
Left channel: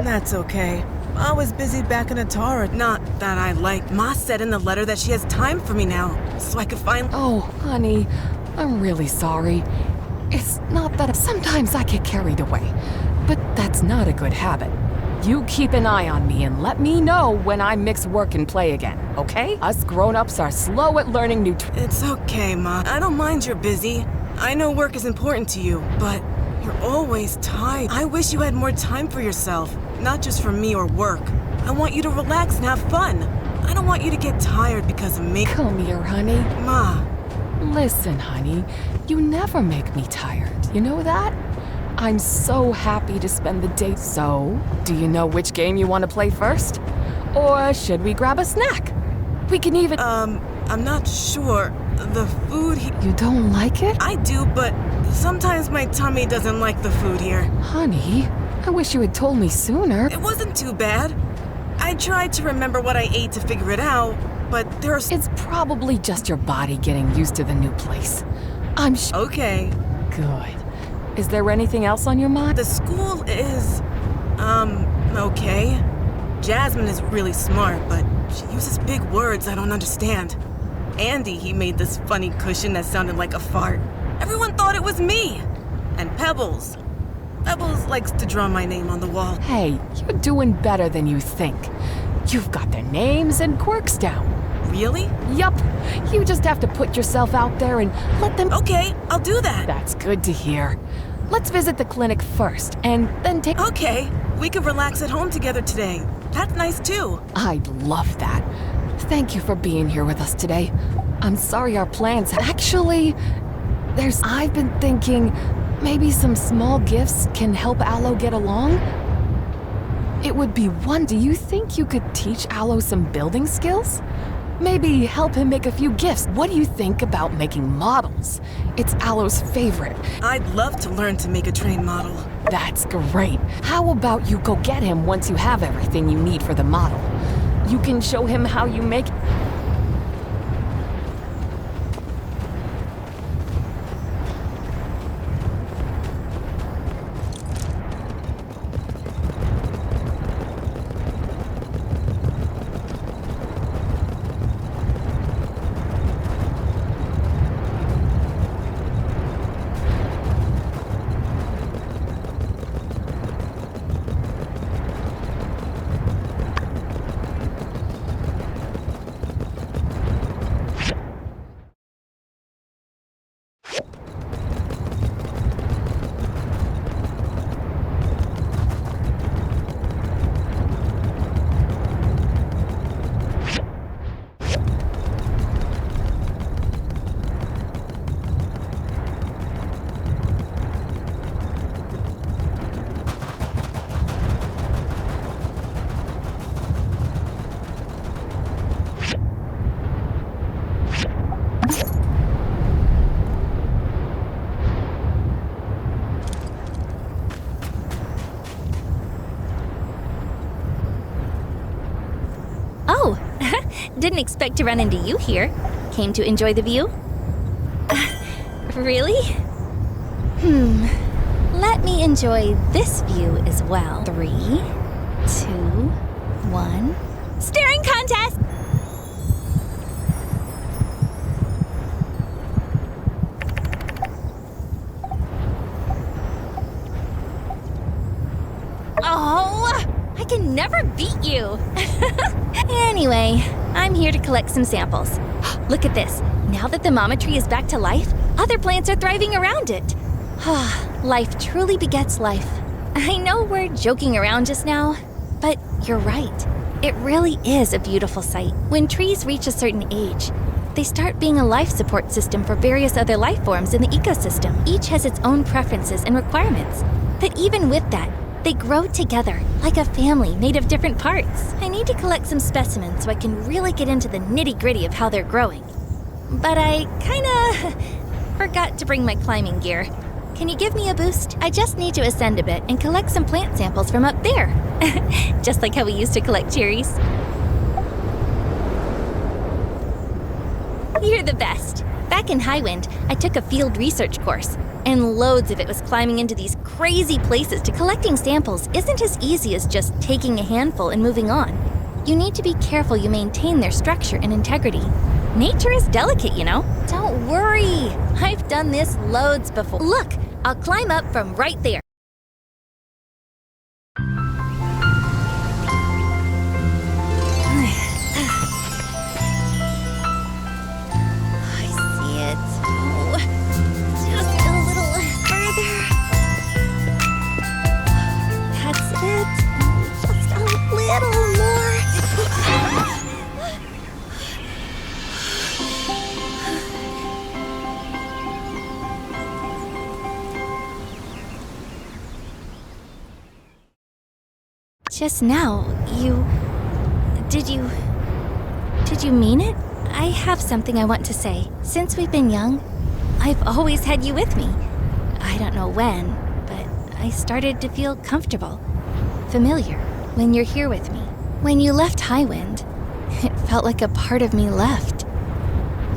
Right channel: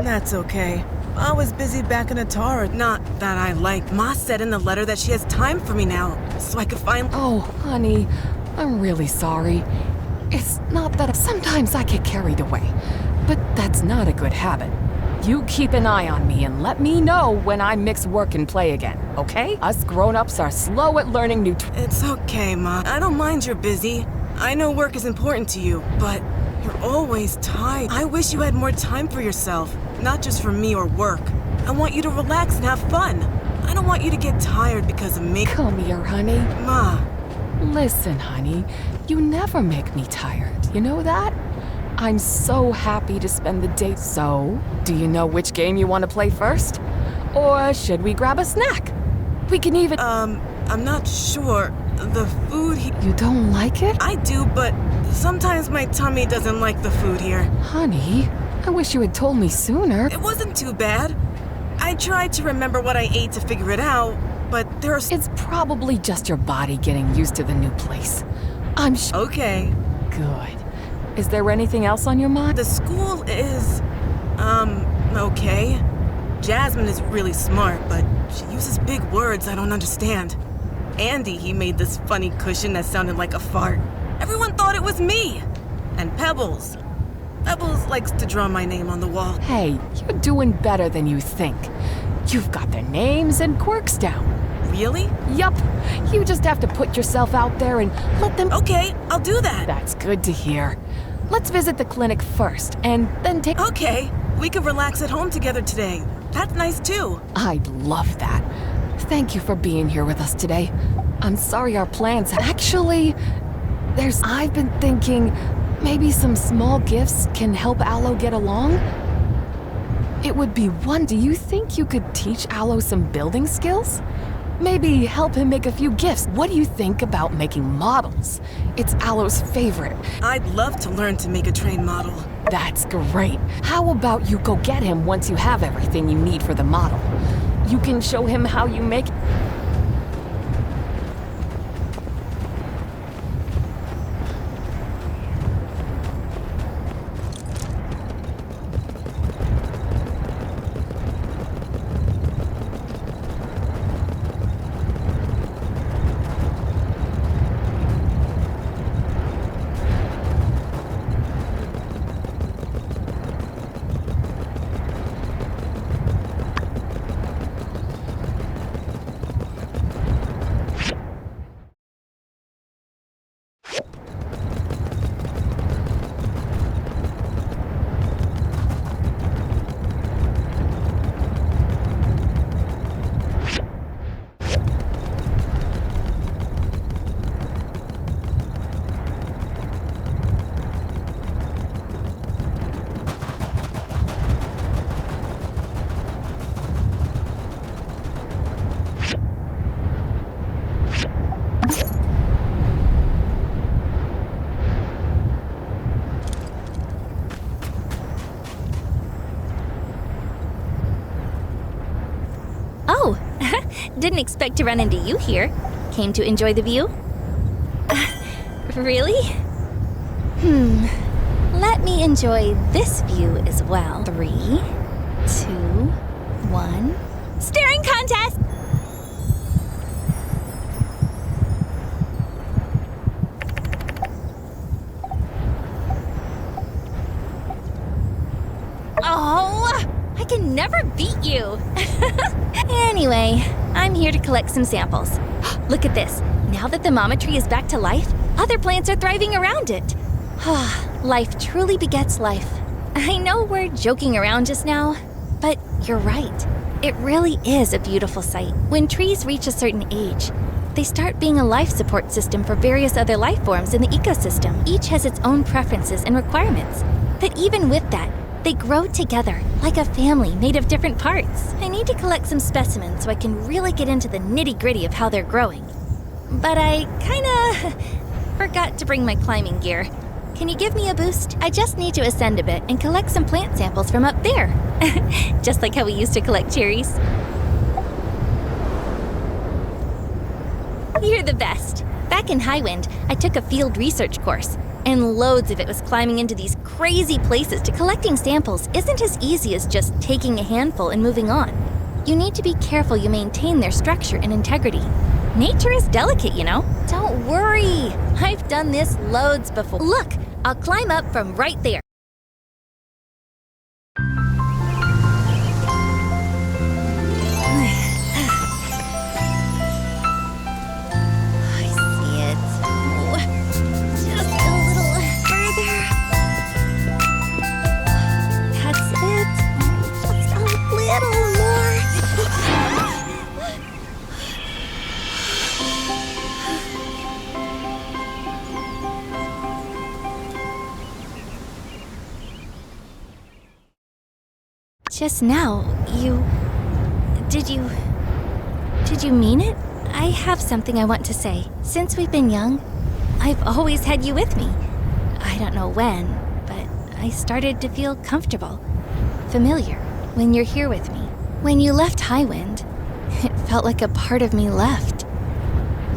That's okay. I was busy back in Atara. Not that I like. Ma said in the letter that she has time for me now, so I could find... Oh, honey, I'm really sorry. It's not that sometimes I get carried away, but that's not a good habit. You keep an eye on me and let me know when I mix work and play again, okay? Us grown-ups are slow at learning new... It's okay, Ma. I don't mind you're busy. I know work is important to you, but you're always tired. I wish you had more time for yourself, not just for me or work. I want you to relax and have fun. I don't want you to get tired because of me. Come here, honey. Ma. Listen, honey, you never make me tired. You know that? I'm so happy to spend the day. So, do you know which game you want to play first? Or should we grab a snack? We can even... I'm not sure. The food here... You don't like it? I do, but sometimes my tummy doesn't like the food here. Honey, I wish you had told me sooner. It wasn't too bad. I tried to remember what I ate to figure it out, but there's... It's probably just your body getting used to the new place. I'm Okay. Good. Is there anything else on your mind? The school is... okay. Jasmine is really smart, but she uses big words I don't understand. Andy, he made this funny cushion that sounded like a fart. Everyone thought it was me. And Pebbles. Pebbles likes to draw my name on the wall. Hey, you're doing better than you think. You've got their names and quirks down. Really? Yup. You just have to put yourself out there and let them... Okay, I'll do that. That's good to hear. Let's visit the clinic first, and then take... Okay, we can relax at home together today. That's nice too. I'd love that. Thank you for being here with us today. I'm sorry our plans... Actually, I've been thinking maybe some small gifts can help Aloe get along? It would be one... Do you think you could teach Aloe some building skills? Maybe help him make a few gifts. What do you think about making models? It's Aloe's favorite. I'd love to learn to make a train model. That's great. How about you go get him once you have everything you need for the model? You can show him how you make... Oh, didn't expect to run into you here. Came to enjoy the view? Really? Let me enjoy this view as well. 3, 2, 1. Staring contest! Oh, I can never beat you. Anyway, I'm here to collect some samples. Look at this. Now that the mama tree is back to life, other plants are thriving around it. Life truly begets life. I know we're joking around just now, but you're right. It really is a beautiful sight. When trees reach a certain age, they start being a life support system for various other life forms in the ecosystem. Each has its own preferences and requirements. But even with that, they grow together, like a family made of different parts. I need to collect some specimens so I can really get into the nitty-gritty of how they're growing. But I kinda forgot to bring my climbing gear. Can you give me a boost? I just need to ascend a bit and collect some plant samples from up there. Just like how we used to collect cherries. You're the best. Back in Highwind, I took a field research course, and loads of it was climbing into these crazy places to collecting samples isn't as easy as just taking a handful and moving on. You need to be careful you maintain their structure and integrity. Nature is delicate, you know. Don't worry. I've done this loads before. Look, I'll climb up from right there. I see it. Oh, just a little further. That's it. Oh, just a little more. Just now, Did you mean it? I have something I want to say. Since we've been young, I've always had you with me. I don't know when, but I started to feel comfortable, familiar, when you're here with me. When you left Highwind, it felt like a part of me left.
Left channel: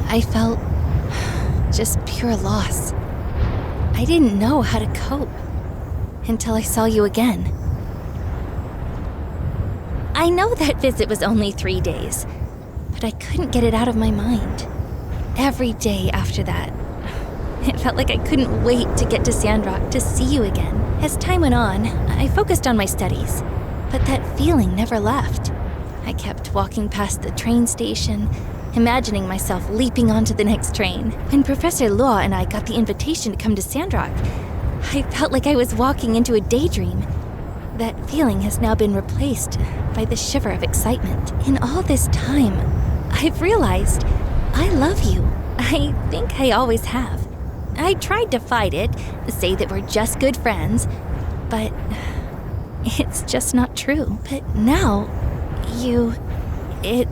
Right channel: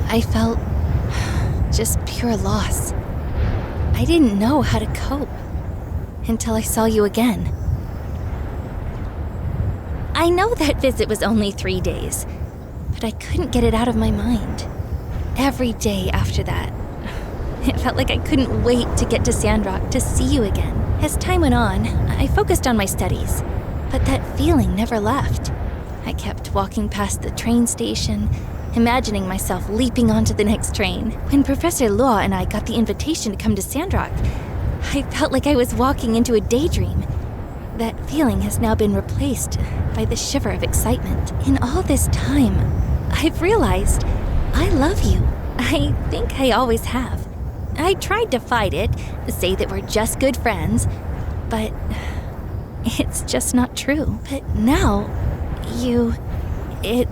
I felt just pure loss. I didn't know how to cope until I saw you again. I know that visit was only 3 days, but I couldn't get it out of my mind. Every day after that, it felt like I couldn't wait to get to Sandrock to see you again. As time went on, I focused on my studies, but that feeling never left. I kept walking past the train station, imagining myself leaping onto the next train. When Professor Law and I got the invitation to come to Sandrock, I felt like I was walking into a daydream. That feeling has now been replaced by the shiver of excitement. In all this time, I've realized I love you. I think I always have. I tried to fight it, say that we're just good friends, but it's just not true. But now, it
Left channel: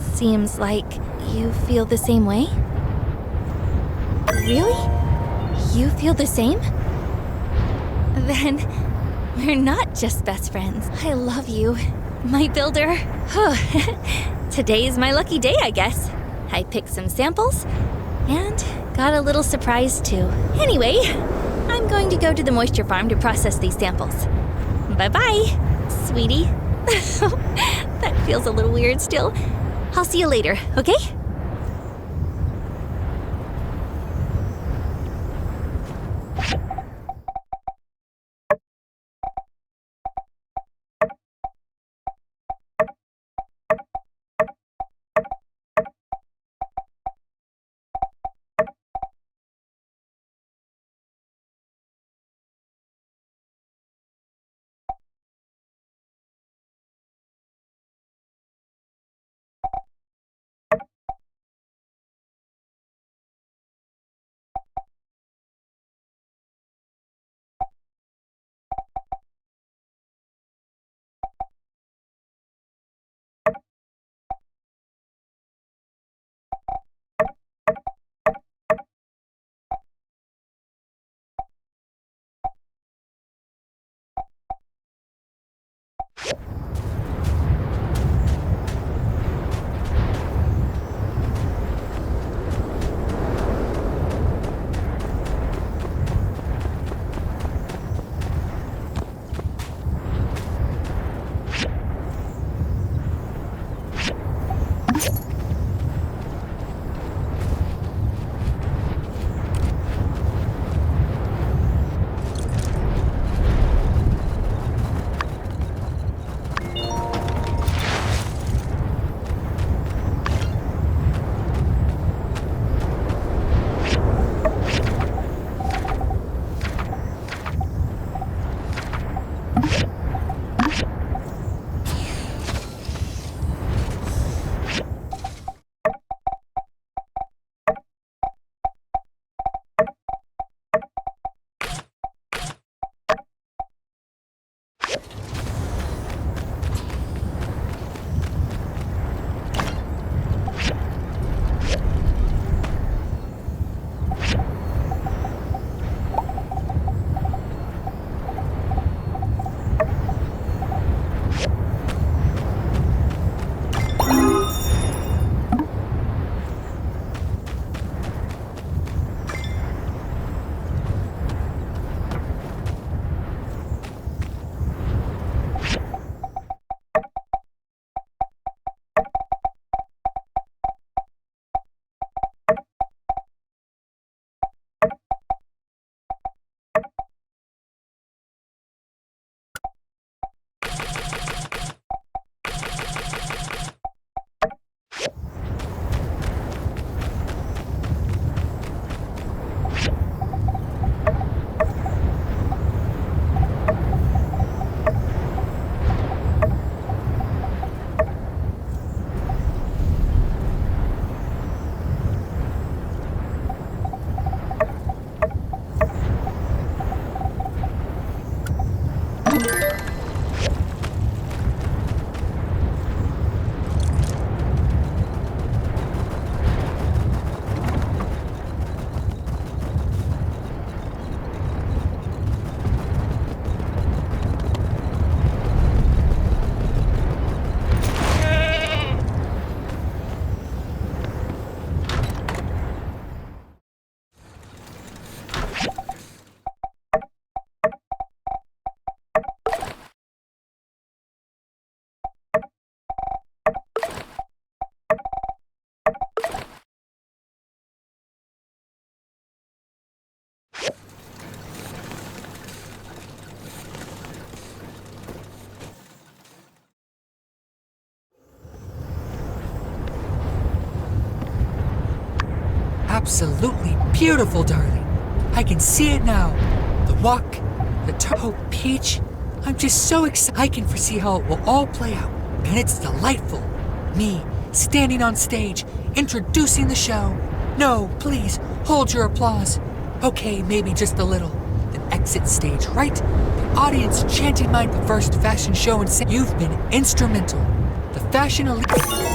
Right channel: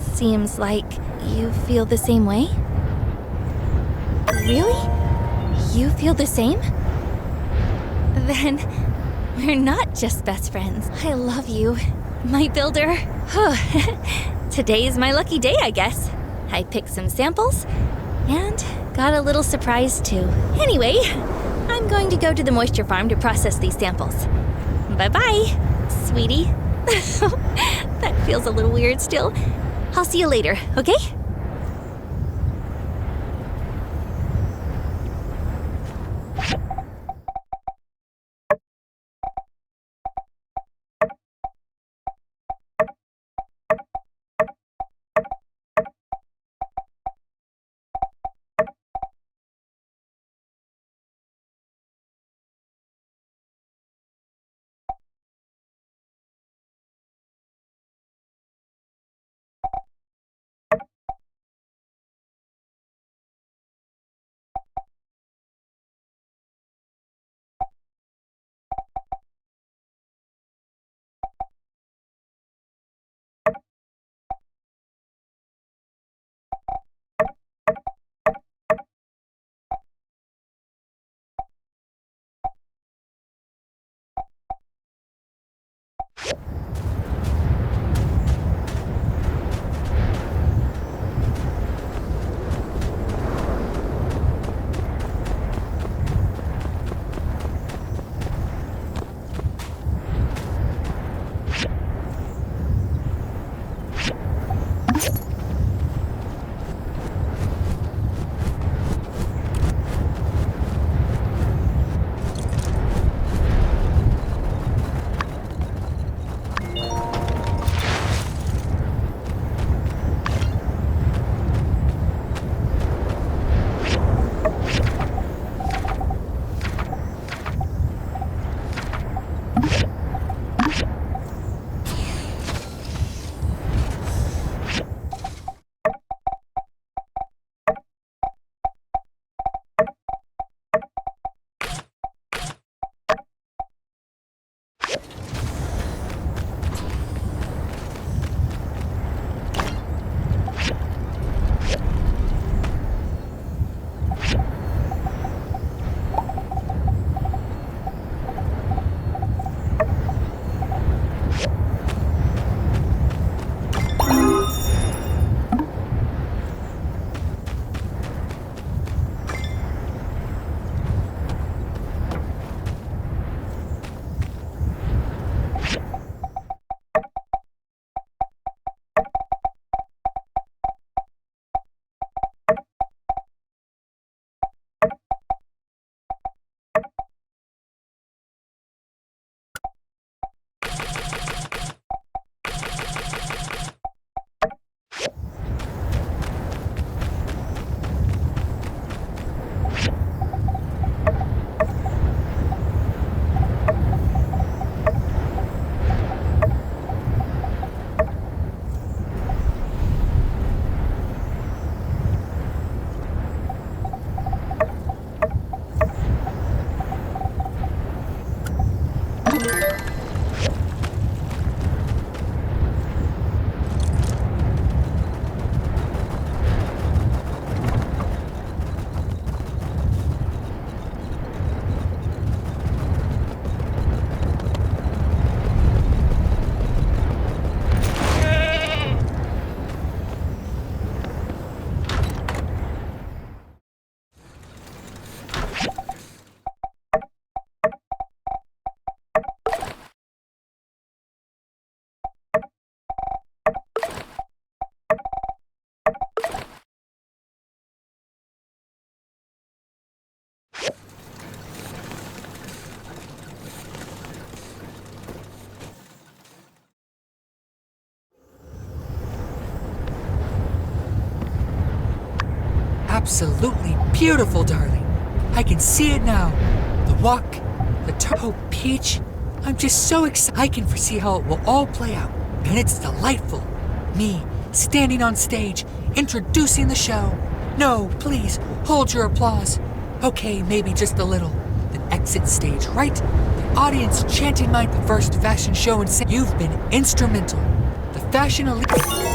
seems like you feel the same way? Really? You feel the same? Then we're not just best friends. I love you, my builder. Today's my lucky day, I guess. I picked some samples and got a little surprise too. Anyway, I'm going to go to the moisture farm to process these samples. Bye-bye, sweetie. That feels a little weird still. I'll see you later, okay? absolutely beautiful, darling. I can see it now. The walk, the oh, Peach, I'm just so excited. I can foresee how it will all play out, and it's delightful. Me, standing on stage, introducing the show. No, please, hold your applause. Okay, maybe just a little. Then exit stage right, the audience chanting the first fashion show in You've been instrumental. The fashion elite...